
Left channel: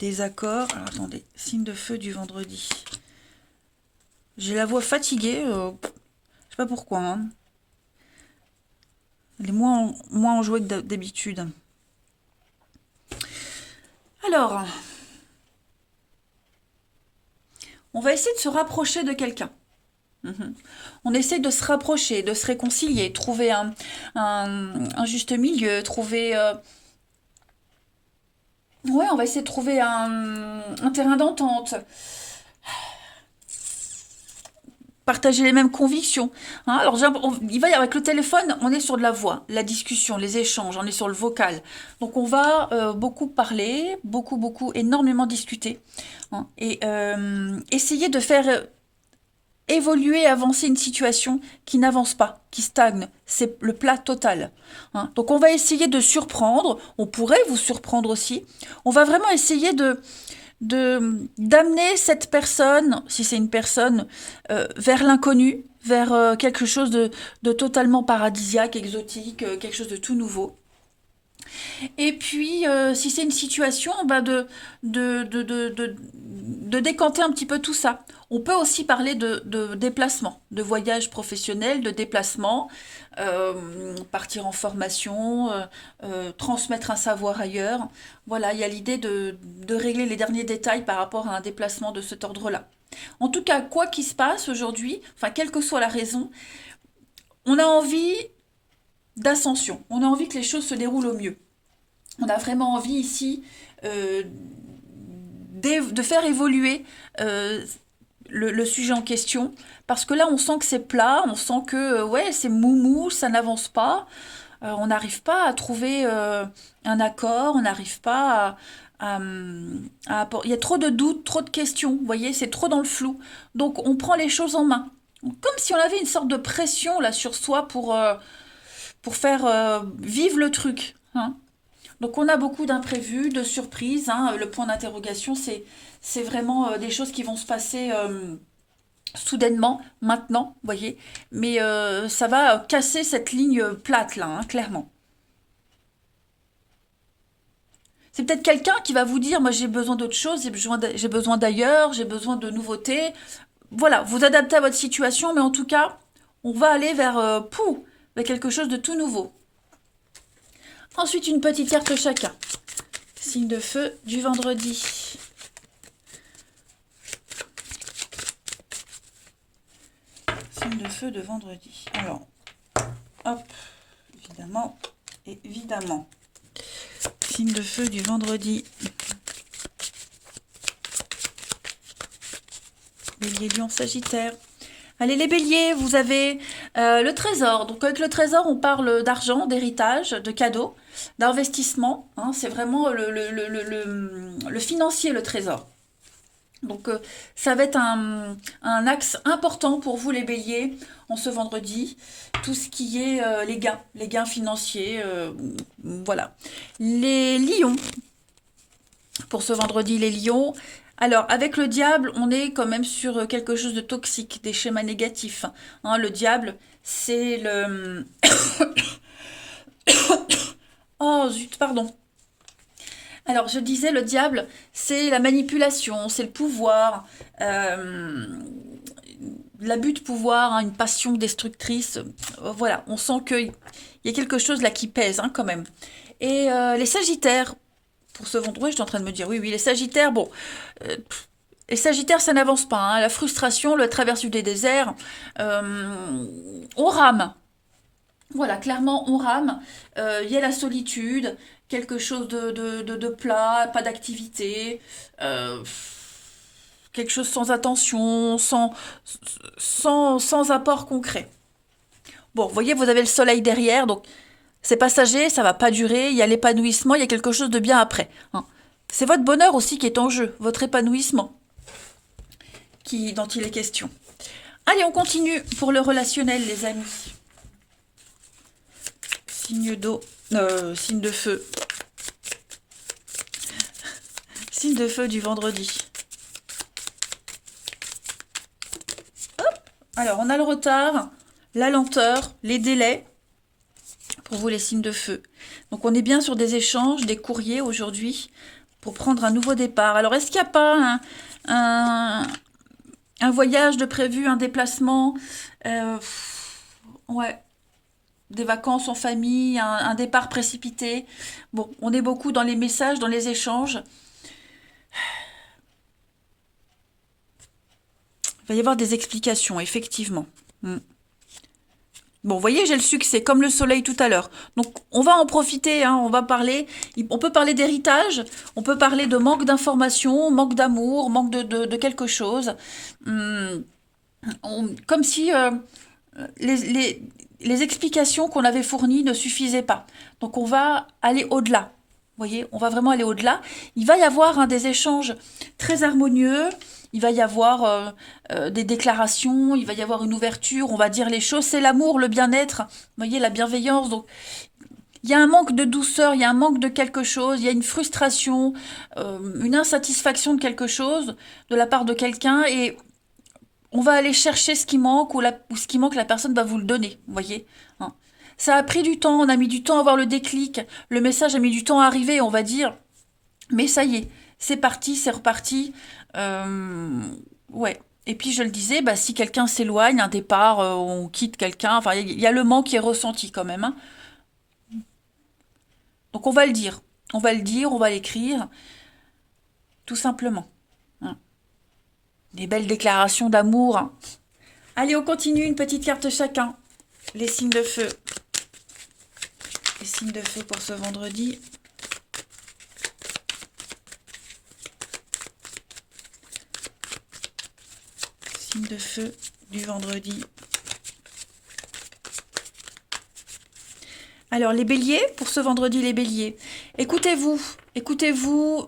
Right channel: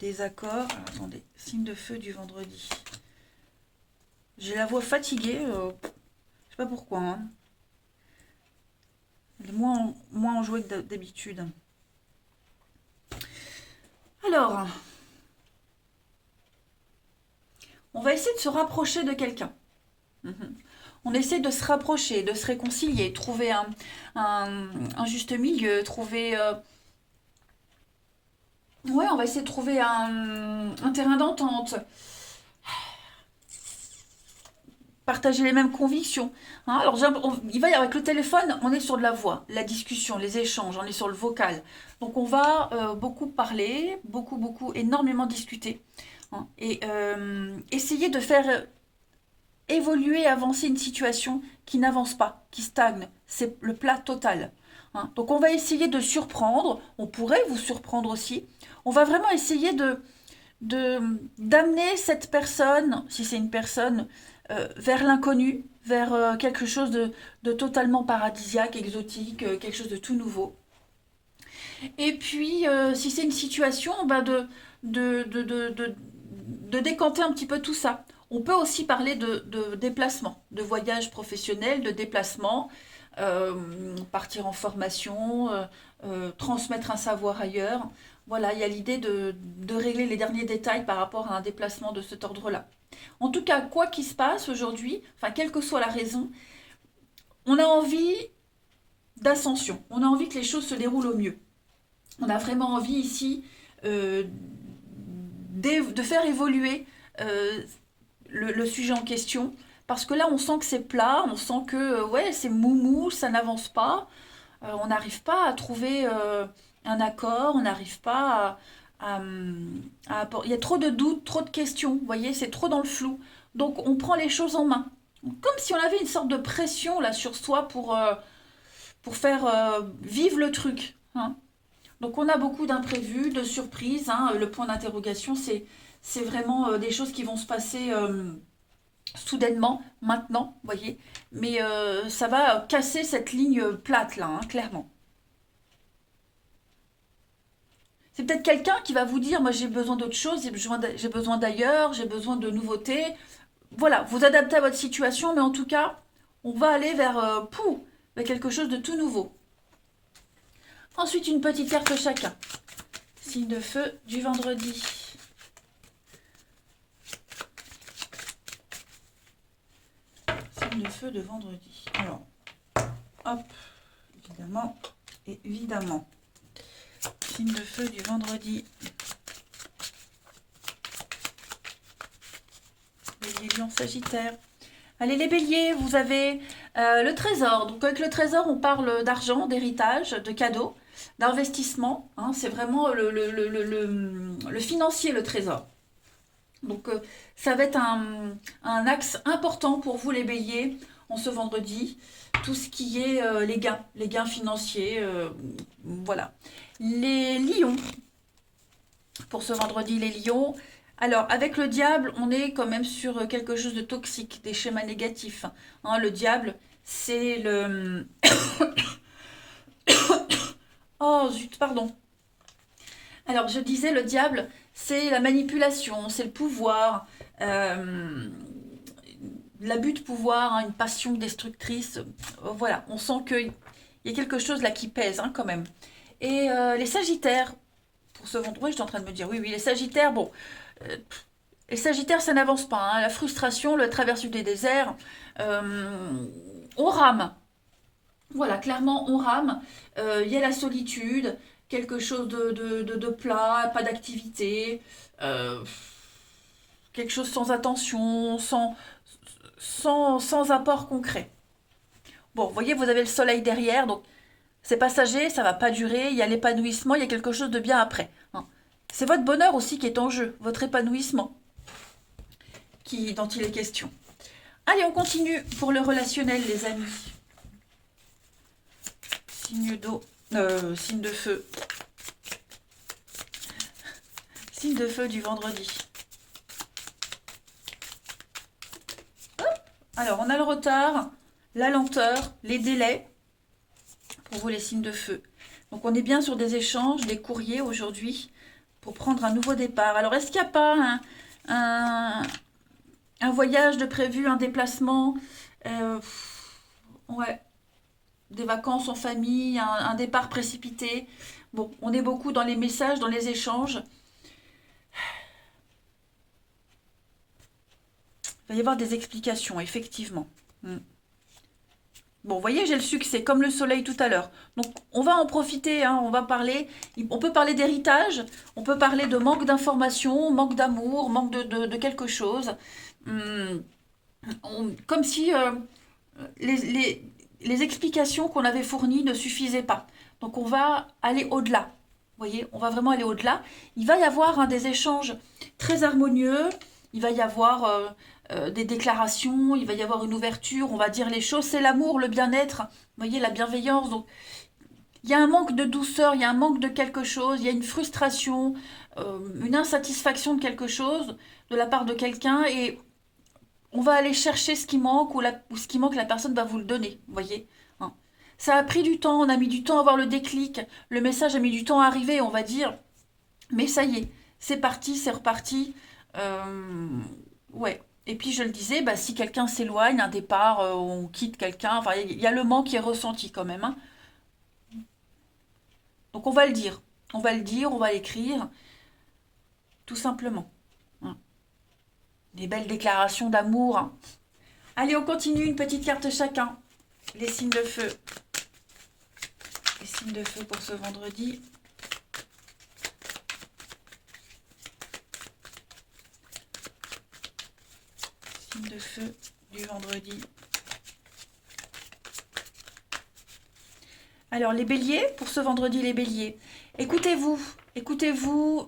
des accords. Alors, attendez, signe de feu du vendredi. J'ai la voix fatiguée, je sais pas pourquoi, hein. Elle est moins enjouée que d'habitude. Alors, on va essayer de se rapprocher de quelqu'un. Mhm. On essaie de se rapprocher, de se réconcilier, trouver un juste milieu, trouver... Ouais, on va essayer de trouver un terrain d'entente, partager les mêmes convictions, hein. Alors, il va y avec le téléphone, on est sur de la voix, la discussion, les échanges, on est sur le vocal. Donc, on va beaucoup parler, beaucoup, énormément discuter, hein, et essayer de faire évoluer, avancer une situation qui n'avance pas, qui stagne. C'est le plat total, hein. Donc on va essayer de surprendre, on pourrait vous surprendre aussi. On va vraiment essayer d'amener cette personne, si c'est une personne, vers l'inconnu, vers quelque chose de totalement paradisiaque, exotique, quelque chose de tout nouveau. Et puis, si c'est une situation, bah de décanter un petit peu tout ça. On peut aussi parler de déplacement, de voyage professionnel, de déplacement, partir en formation, transmettre un savoir ailleurs. Voilà, il y a l'idée de régler les derniers détails par rapport à un déplacement de cet ordre-là. En tout cas, quoi qu'il se passe aujourd'hui, enfin, quelle que soit la raison, on a envie d'ascension. On a envie que les choses se déroulent au mieux. On a vraiment envie ici euh, de faire évoluer le sujet en question. Parce que là, on sent que c'est plat, on sent que ouais, c'est moumou, ça n'avance pas. On n'arrive pas à trouver un accord, on n'arrive pas il y a trop de doutes, trop de questions, vous voyez, c'est trop dans le flou. Donc on prend les choses en main. Comme si on avait une sorte de pression là sur soi pour faire vivre le truc, hein. Donc on a beaucoup d'imprévus, de surprises, hein. Le point d'interrogation, c'est vraiment des choses qui vont se passer soudainement, maintenant, vous voyez. Mais ça va casser cette ligne plate là, hein, clairement. C'est peut-être quelqu'un qui va vous dire, moi j'ai besoin d'autre chose, j'ai besoin d'ailleurs, j'ai besoin de nouveautés. voilà, vous adaptez à votre situation, mais en tout cas, on va aller vers quelque chose de tout nouveau. Ensuite, une petite carte chacun. Signe de feu du vendredi. Signe de feu de vendredi. Alors, hop, évidemment, évidemment. Signe de feu du vendredi. Bélier, Lion, Sagittaire. Allez les béliers, vous avez le trésor. Donc avec le trésor, on parle d'argent, d'héritage, de cadeaux, d'investissement. Hein, c'est vraiment le financier, le trésor. Donc ça va être un axe important pour vous les béliers en ce vendredi. Tout ce qui est les gains financiers. Voilà. Les lions. Pour ce vendredi, les lions. Alors, avec le diable, on est quand même sur quelque chose de toxique, des schémas négatifs. Hein, le diable, c'est le... Oh, zut, pardon. Alors, je disais, le diable, c'est la manipulation, c'est le pouvoir, l'abus de pouvoir, hein, une passion destructrice. Voilà, on sent qu'il y a quelque chose là qui pèse, hein, quand même. Et les sagittaires, pour ce vendredi, je suis en train de me dire, oui, les sagittaires, bon... les sagittaires, ça n'avance pas. Hein. La frustration, la traversée des déserts, on rame. Voilà, clairement, on rame. Il y a la solitude, quelque chose de plat, pas d'activité, quelque chose sans attention, sans apport concret. Bon, vous voyez, vous avez le soleil derrière, donc c'est passager, ça va pas durer, il y a l'épanouissement, il y a quelque chose de bien après. Hein. C'est votre bonheur aussi qui est en jeu, votre épanouissement dont il est question. Allez, on continue pour le relationnel, les amis. Signe d'eau, signe de feu. Signe de feu du vendredi. Hop. Alors, on a le retard, la lenteur, les délais. Pour vous, les signes de feu. Donc, on est bien sur des échanges, des courriers aujourd'hui pour prendre un nouveau départ. Alors, est-ce qu'il n'y a pas un voyage de prévu, un déplacement, ouais, des vacances en famille, un départ précipité. Bon, on est beaucoup dans les messages, dans les échanges. Il va y avoir des explications, effectivement. Bon, vous voyez, j'ai le succès, comme le soleil tout à l'heure. Donc, on va en profiter, hein, on va parler. On peut parler d'héritage, on peut parler de manque d'information, manque d'amour, manque de quelque chose. Comme si les explications qu'on avait fournies ne suffisaient pas. Donc, on va aller au-delà. Vous voyez, on va vraiment aller au-delà. Il va y avoir des échanges très harmonieux. Il va y avoir des déclarations, il va y avoir une ouverture, on va dire les choses. C'est l'amour, le bien-être, vous voyez, la bienveillance. Donc, il y a un manque de douceur, il y a un manque de quelque chose, il y a une frustration, une insatisfaction de quelque chose de la part de quelqu'un. Et on va aller chercher ce qui manque ou ce qui manque, la personne va vous le donner, vous voyez. Hein. Ça a pris du temps, on a mis du temps à avoir le déclic. Le message a mis du temps à arriver, on va dire. Mais ça y est, c'est parti, c'est reparti. Ouais. Et puis je le disais, bah, si quelqu'un s'éloigne, un départ, on quitte quelqu'un, enfin il y a le manque qui est ressenti quand même. Hein. Donc on va le dire. On va le dire, on va l'écrire, tout simplement. Hein. Des belles déclarations d'amour. Hein. Allez, on continue, une petite carte chacun. Les signes de feu. Les signes de feu pour ce vendredi. Signe de feu du vendredi. Alors, les béliers, pour ce vendredi, les béliers, écoutez-vous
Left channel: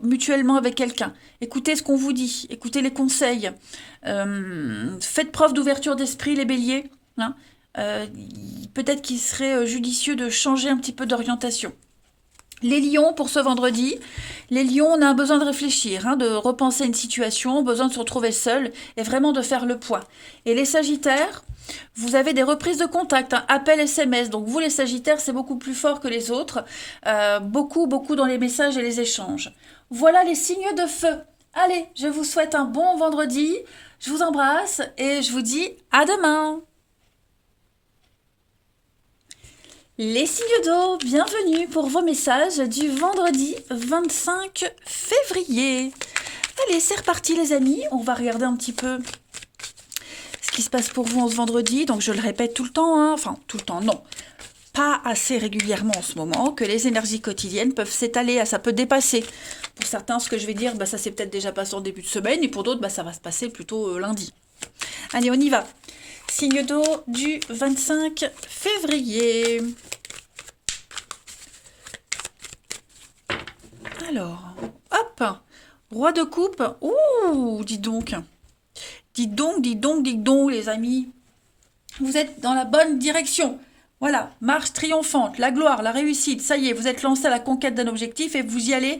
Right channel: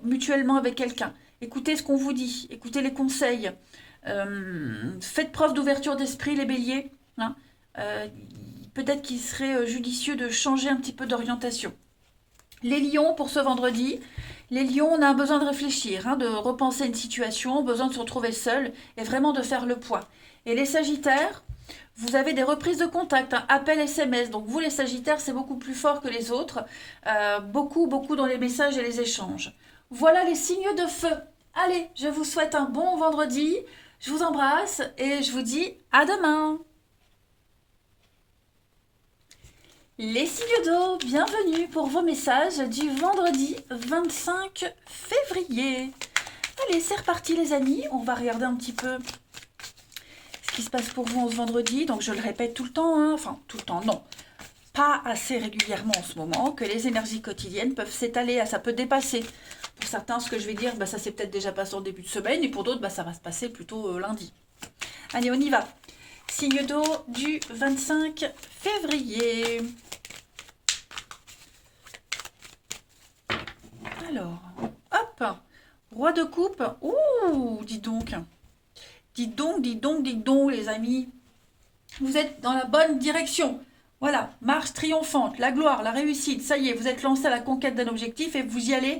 mutuellement avec quelqu'un. Écoutez ce qu'on vous dit, écoutez les conseils. Faites preuve d'ouverture d'esprit, les béliers. Hein. Peut-être qu'il serait judicieux de changer un petit peu d'orientation. Les lions, pour ce vendredi, les lions, on a un besoin de réfléchir, hein, de repenser une situation, besoin de se retrouver seul et vraiment de faire le point. Et les sagittaires, vous avez des reprises de contact, hein, appels SMS. Donc vous, les sagittaires, c'est beaucoup plus fort que les autres. Beaucoup dans les messages et les échanges. Voilà les signes de feu. Allez, je vous souhaite un bon vendredi. Je vous embrasse et je vous dis à demain. Les signes d'eau, bienvenue pour vos messages du vendredi 25 février. Allez, c'est reparti les amis, on va regarder un petit peu ce qui se passe pour vous en ce vendredi. Donc je le répète tout le temps, hein. Enfin tout le temps, non. Pas assez régulièrement en ce moment, que les énergies quotidiennes peuvent s'étaler, ça peut dépasser. Pour certains, ce que je vais dire, ça s'est peut-être déjà passé en début de semaine, et pour d'autres, ça va se passer plutôt lundi. Allez, on y va. Signe d'eau du 25 février. Alors, hop, roi de coupe. Ouh, dis donc. Dites donc, les amis. Vous êtes dans la bonne direction. Voilà, marche triomphante, la gloire, la réussite. Ça y est, vous êtes lancé à la conquête d'un objectif et vous y allez.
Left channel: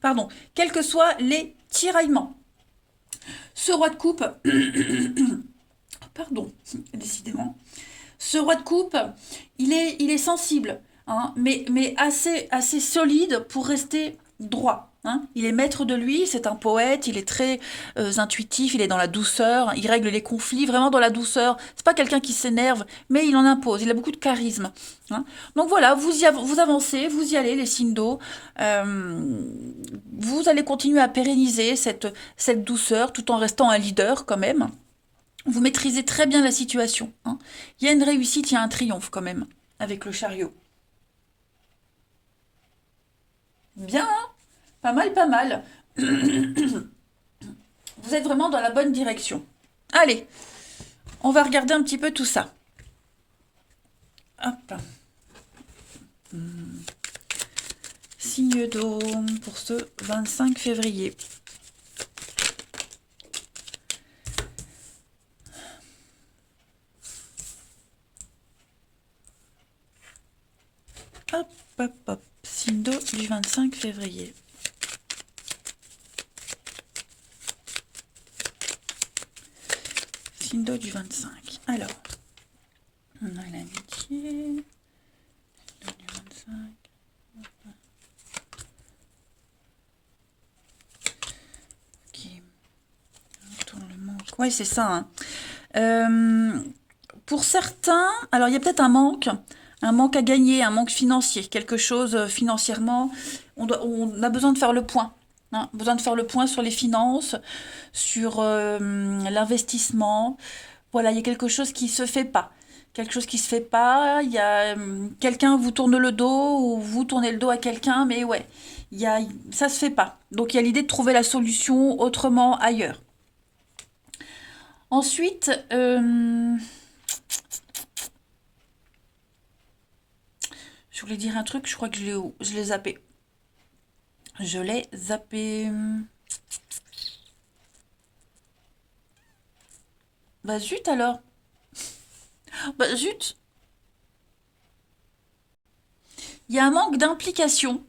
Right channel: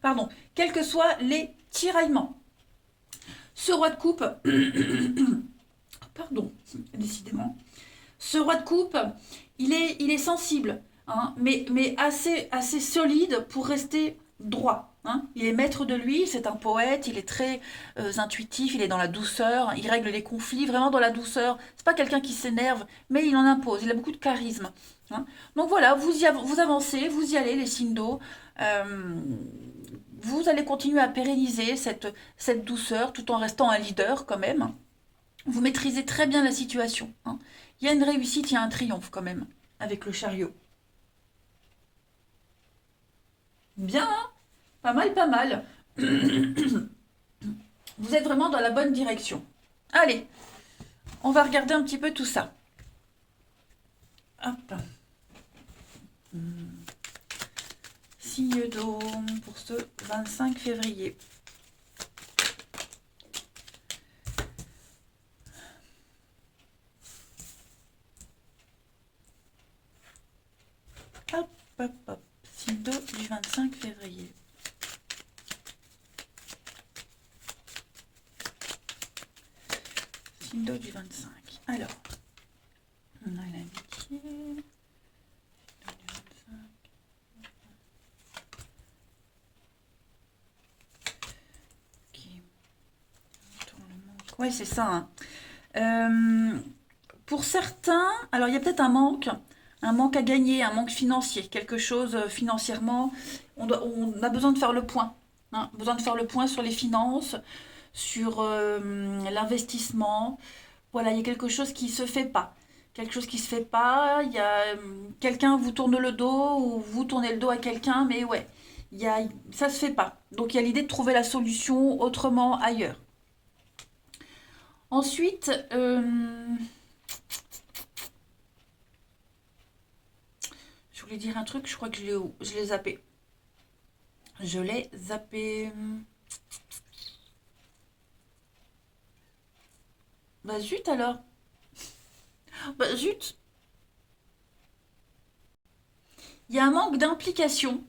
Pardon, quels que soient les tiraillements. Ce roi de coupe, pardon, décidément, ce roi de coupe, il est sensible, hein, mais assez solide pour rester droit. Hein. Il est maître de lui, c'est un poète, il est très intuitif, il est dans la douceur, il règle les conflits vraiment dans la douceur. C'est pas quelqu'un qui s'énerve, mais il en impose, il a beaucoup de charisme. Hein. Donc voilà, vous avancez, vous y allez, les signes d'eau. Vous allez continuer à pérenniser cette douceur tout en restant un leader quand même. Vous maîtrisez très bien la situation. Hein. Il y a une réussite, il y a un triomphe quand même, avec le chariot. Bien, hein. Pas mal, pas mal. Vous êtes vraiment dans la bonne direction. Allez, on va regarder un petit peu tout ça. Hop. Signe d'eau pour ce 25 février. Hop, hop, hop. Signe d'eau du 25 février. Signe d'eau du 25. Alors, on a l'amitié. Signe d'eau du 25. Ok. On tourne le manque. Ouais, c'est ça. Hein. Pour certains, alors il y a peut-être un manque à gagner, un manque financier, quelque chose financièrement, on a besoin de faire le point. Hein, besoin de faire le point sur les finances, sur l'investissement. Voilà, il y a quelque chose qui se fait pas. Quelque chose qui se fait pas, il y a quelqu'un vous tourne le dos ou vous tournez le dos à quelqu'un, mais ouais, ça se fait pas. Donc il y a l'idée de trouver la solution autrement ailleurs. Ensuite, je voulais dire un truc, je crois que je l'ai zappé. Je l'ai zappé. Bah zut alors. Bah zut. Il y a un manque d'implication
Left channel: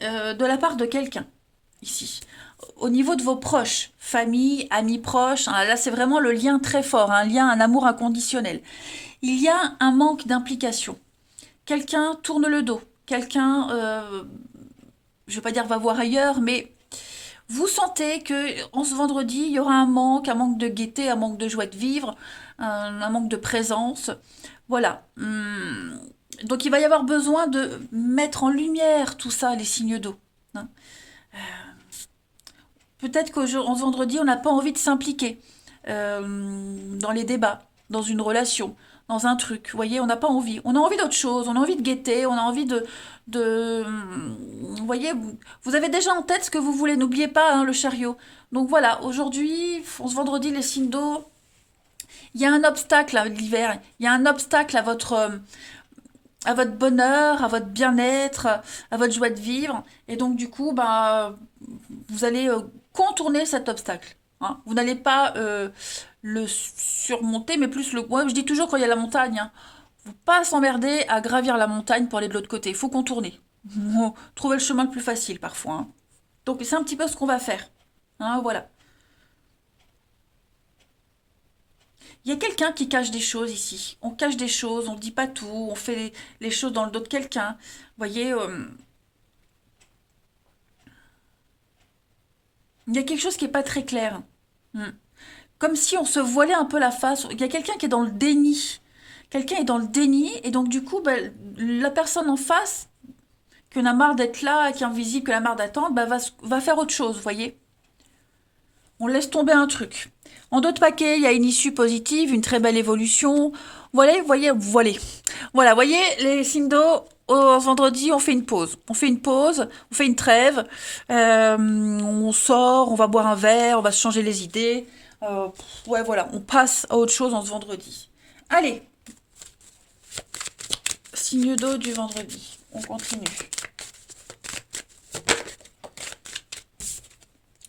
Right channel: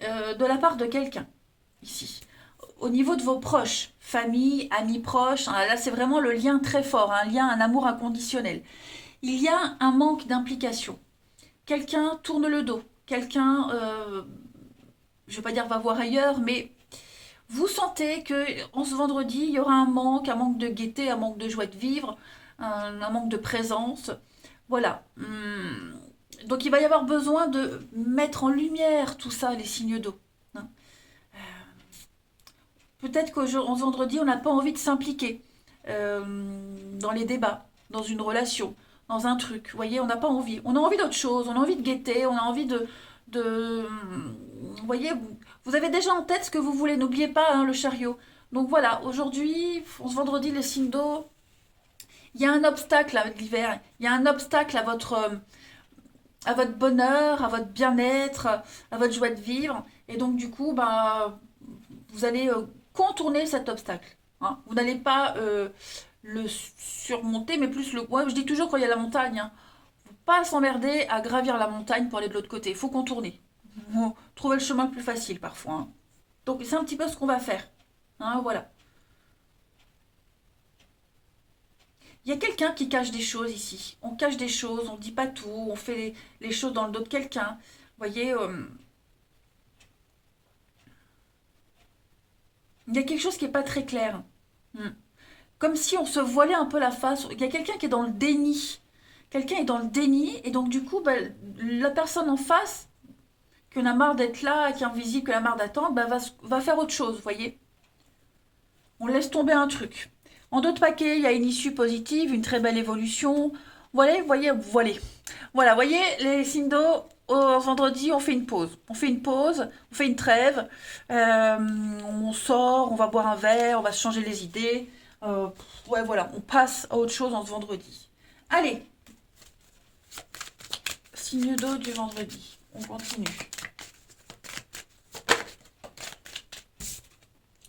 de la part de quelqu'un ici. Au niveau de vos proches, famille, amis proches, hein, là c'est vraiment le lien très fort, un lien, un amour inconditionnel. Il y a un manque d'implication. Quelqu'un tourne le dos. Quelqu'un, je ne vais pas dire va voir ailleurs, mais vous sentez que en ce vendredi, il y aura un manque de gaieté, un manque de joie de vivre, un manque de présence. Voilà. Donc il va y avoir besoin de mettre en lumière tout ça, les signes d'eau. Hein. Peut-être qu'en ce vendredi, on n'a pas envie de s'impliquer dans les débats, dans une relation, dans un truc. Vous voyez, on n'a pas envie. On a envie d'autre chose, on a envie de gaieté, on a envie vous voyez, vous avez déjà en tête ce que vous voulez. N'oubliez pas hein, le chariot. Donc voilà, aujourd'hui, ce vendredi, les signes d'eau, il y a un obstacle à l'hiver. Il y a un obstacle à votre bonheur, à votre bien-être, à votre joie de vivre. Et donc, du coup, vous allez contourner cet obstacle. Hein. Vous n'allez pas le surmonter, mais plus le... Moi, je dis toujours quand il y a la montagne, hein, faut pas s'emmerder à gravir la montagne pour aller de l'autre côté. Il faut contourner. Faut trouver le chemin le plus facile parfois. Hein. Donc, c'est un petit peu ce qu'on va faire. Hein, voilà. Il y a quelqu'un qui cache des choses ici. On cache des choses, on ne dit pas tout, on fait les choses dans le dos de quelqu'un. Vous voyez, il y a quelque chose qui n'est pas très clair. Mm. Comme si on se voilait un peu la face. Il y a quelqu'un qui est dans le déni. Quelqu'un est dans le déni, et donc du coup, ben, la personne en face, qui en a marre d'être là, qui est invisible, qui en a marre d'attendre, ben, va faire autre chose, vous voyez. On laisse tomber un truc. En d'autres paquets, il y a une issue positive, une très belle évolution. Voilà, voilà, voyez, les signes d'eau, au vendredi, on fait une pause. On fait une pause, on fait une trêve. On sort, on va boire un verre, on va se changer les idées. Ouais, voilà, on passe à autre chose en ce vendredi. Allez, signe d'eau du vendredi. On continue.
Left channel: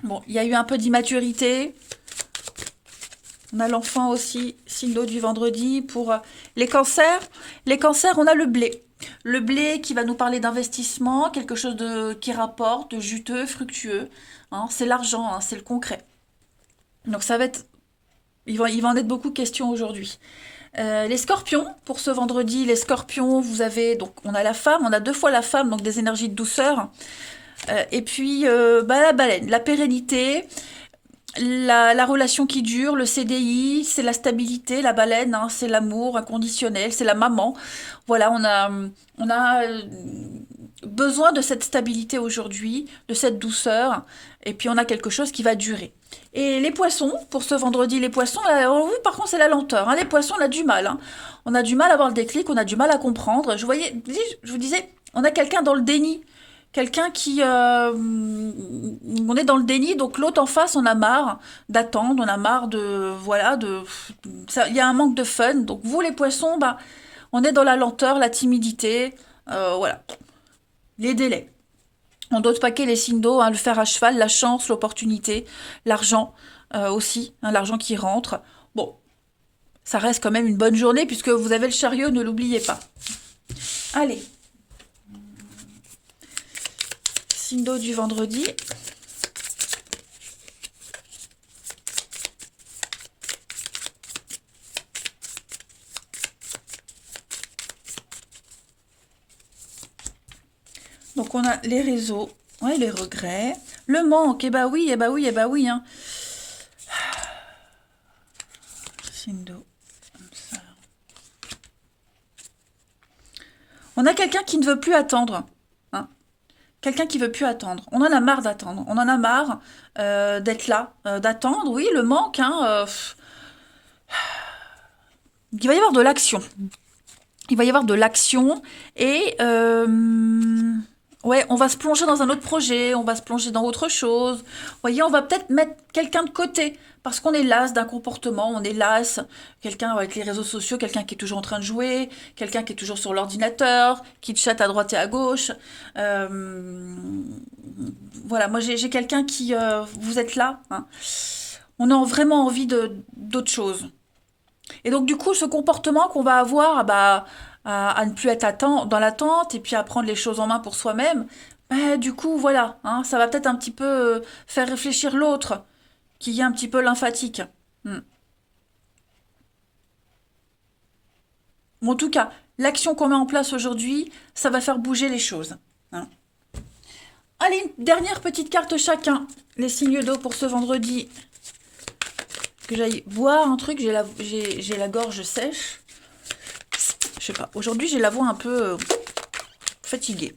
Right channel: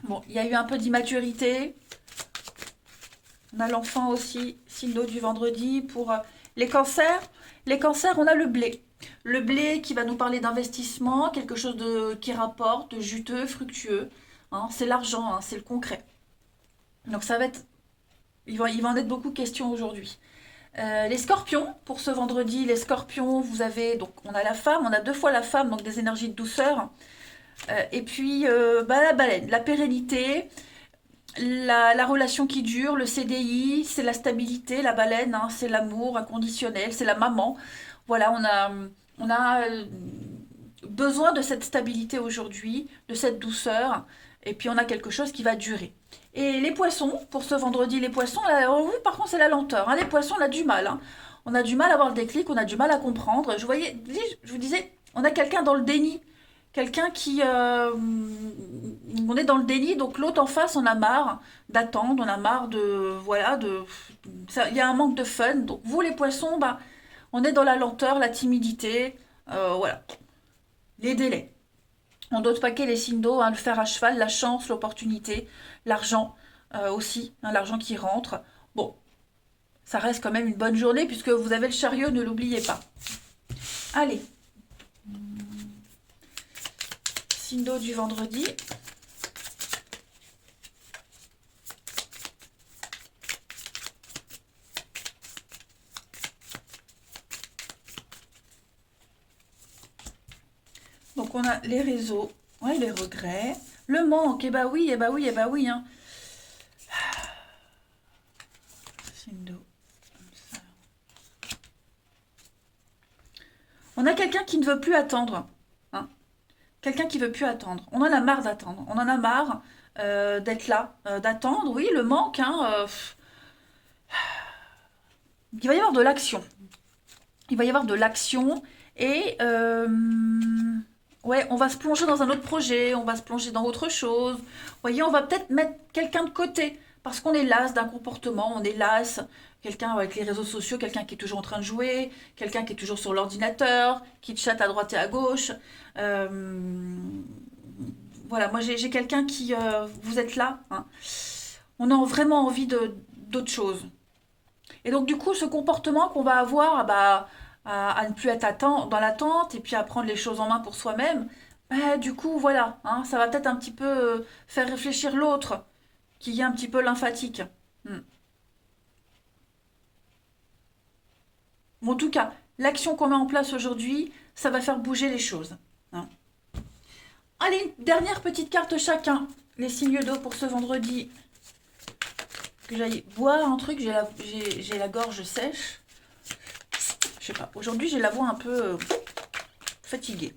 Bon, il y a eu un peu d'immaturité. On a l'enfant aussi, signe d'eau du vendredi. Pour les cancers, on a le blé. Le blé qui va nous parler d'investissement, quelque chose qui rapporte, de juteux, fructueux. Hein, c'est l'argent, hein, c'est le concret. Donc ça va être, il va en être beaucoup de questions aujourd'hui. Les scorpions, pour ce vendredi, les scorpions, vous avez, donc on a la femme, on a deux fois la femme, donc des énergies de douceur. Et puis bah, la baleine, la pérennité, la relation qui dure, le CDI, c'est la stabilité, la baleine, hein, c'est l'amour inconditionnel, c'est la maman. Voilà, on a besoin de cette stabilité aujourd'hui, de cette douceur, et puis on a quelque chose qui va durer. Et les poissons, pour ce vendredi, les poissons, là, oui, par contre, c'est la lenteur. Hein. Les poissons, on a du mal. Hein. On a du mal à avoir le déclic, on a du mal à comprendre. Je vous disais, on a quelqu'un dans le déni. Quelqu'un qui... on est dans le déni, donc l'autre en face, on a marre d'attendre, on a marre de... Voilà, il y a un manque de fun. Donc vous, les poissons, bah, on est dans la lenteur, la timidité, voilà, les délais. En d'autres paquets, les signes d'eau, hein, le fer à cheval, la chance, l'opportunité, l'argent aussi, hein, l'argent qui rentre. Bon, ça reste quand même une bonne journée puisque vous avez le chariot, ne l'oubliez pas. Allez, signe d'eau du vendredi. Donc on a les réseaux, ouais, les regrets, le manque, eh bah oui, eh bah oui, eh bah oui. Hein. Signe d'eau, comme ça. On a quelqu'un qui ne veut plus attendre. Hein. Quelqu'un qui veut plus attendre. On en a marre d'attendre. On en a marre d'être là, d'attendre. Oui, le manque. Hein, il va y avoir de l'action. Il va y avoir de l'action et ouais, on va se plonger dans un autre projet, on va se plonger dans autre chose. Vous voyez, on va peut-être mettre quelqu'un de côté parce qu'on est las d'un comportement, on est las. Quelqu'un avec les réseaux sociaux, quelqu'un qui est toujours en train de jouer, quelqu'un qui est toujours sur l'ordinateur, qui chatte à droite et à gauche. Euh, voilà, moi j'ai quelqu'un qui, vous êtes là, hein. On a vraiment envie de d'autre chose. Et donc, du coup, ce comportement qu'on va avoir bah, à ne plus être dans l'attente et puis à prendre les choses en main pour soi-même, bah, du coup, voilà, hein, ça va peut-être un petit peu faire réfléchir l'autre, qui est un petit peu lymphatique. Hmm. Bon, en tout cas, l'action qu'on met en place aujourd'hui, ça va faire bouger les choses. Hein. Allez, une dernière petite carte chacun. Les signes d'eau pour ce vendredi. Que j'aille boire un truc, j'ai la gorge sèche. Je sais pas, aujourd'hui j'ai la voix un peu fatiguée.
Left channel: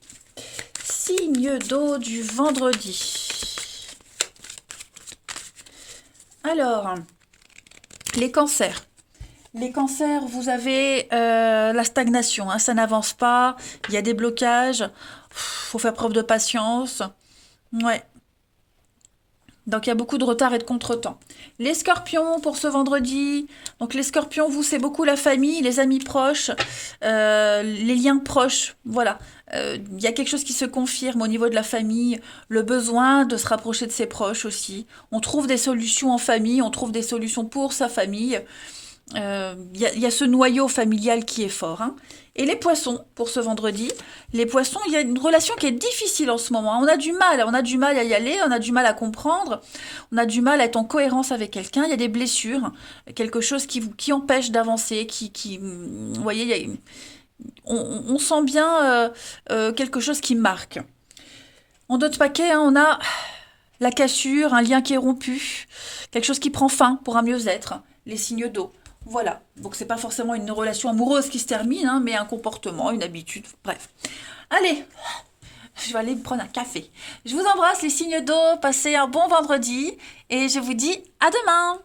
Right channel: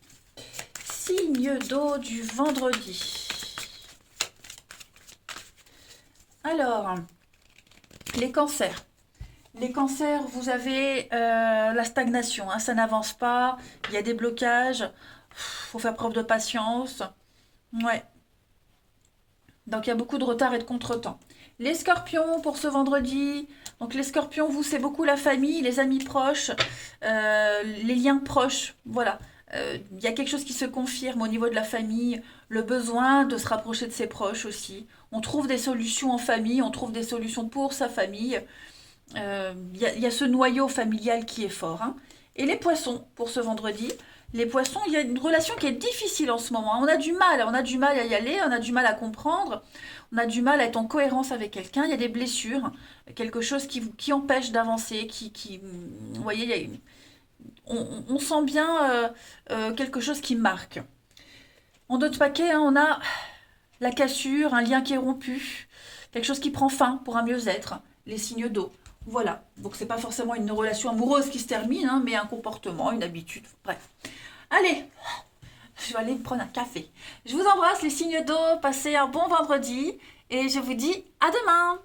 Signe d'eau du vendredi. Alors, les cancers. Les cancers, vous avez la stagnation, hein, ça n'avance pas, il y a des blocages, faut faire preuve de patience. Ouais, donc il y a beaucoup de retard et de contretemps. Les scorpions pour ce vendredi. Donc les scorpions, vous, c'est beaucoup la famille, les amis proches, les liens proches. Voilà. Il y a quelque chose qui se confirme au niveau de la famille, le besoin de se rapprocher de ses proches aussi. On trouve des solutions en famille, on trouve des solutions pour sa famille. Il y a ce noyau familial qui est fort. Hein. Et les poissons, pour ce vendredi, les poissons, il y a une relation qui est difficile en ce moment. Hein. On a du mal à y aller, on a du mal à comprendre, on a du mal à être en cohérence avec quelqu'un. Il y a des blessures, quelque chose qui empêche d'avancer, vous voyez, on sent bien quelque chose qui marque. En d'autres paquets, hein, on a la cassure, un lien qui est rompu, quelque chose qui prend fin pour un mieux-être, les signes d'eau. Voilà, donc c'est pas forcément une relation amoureuse qui se termine, hein, mais un comportement, une habitude, bref. Allez, je vais aller me prendre un café. Je vous embrasse les signes d'eau, passez un bon vendredi et je vous dis à demain.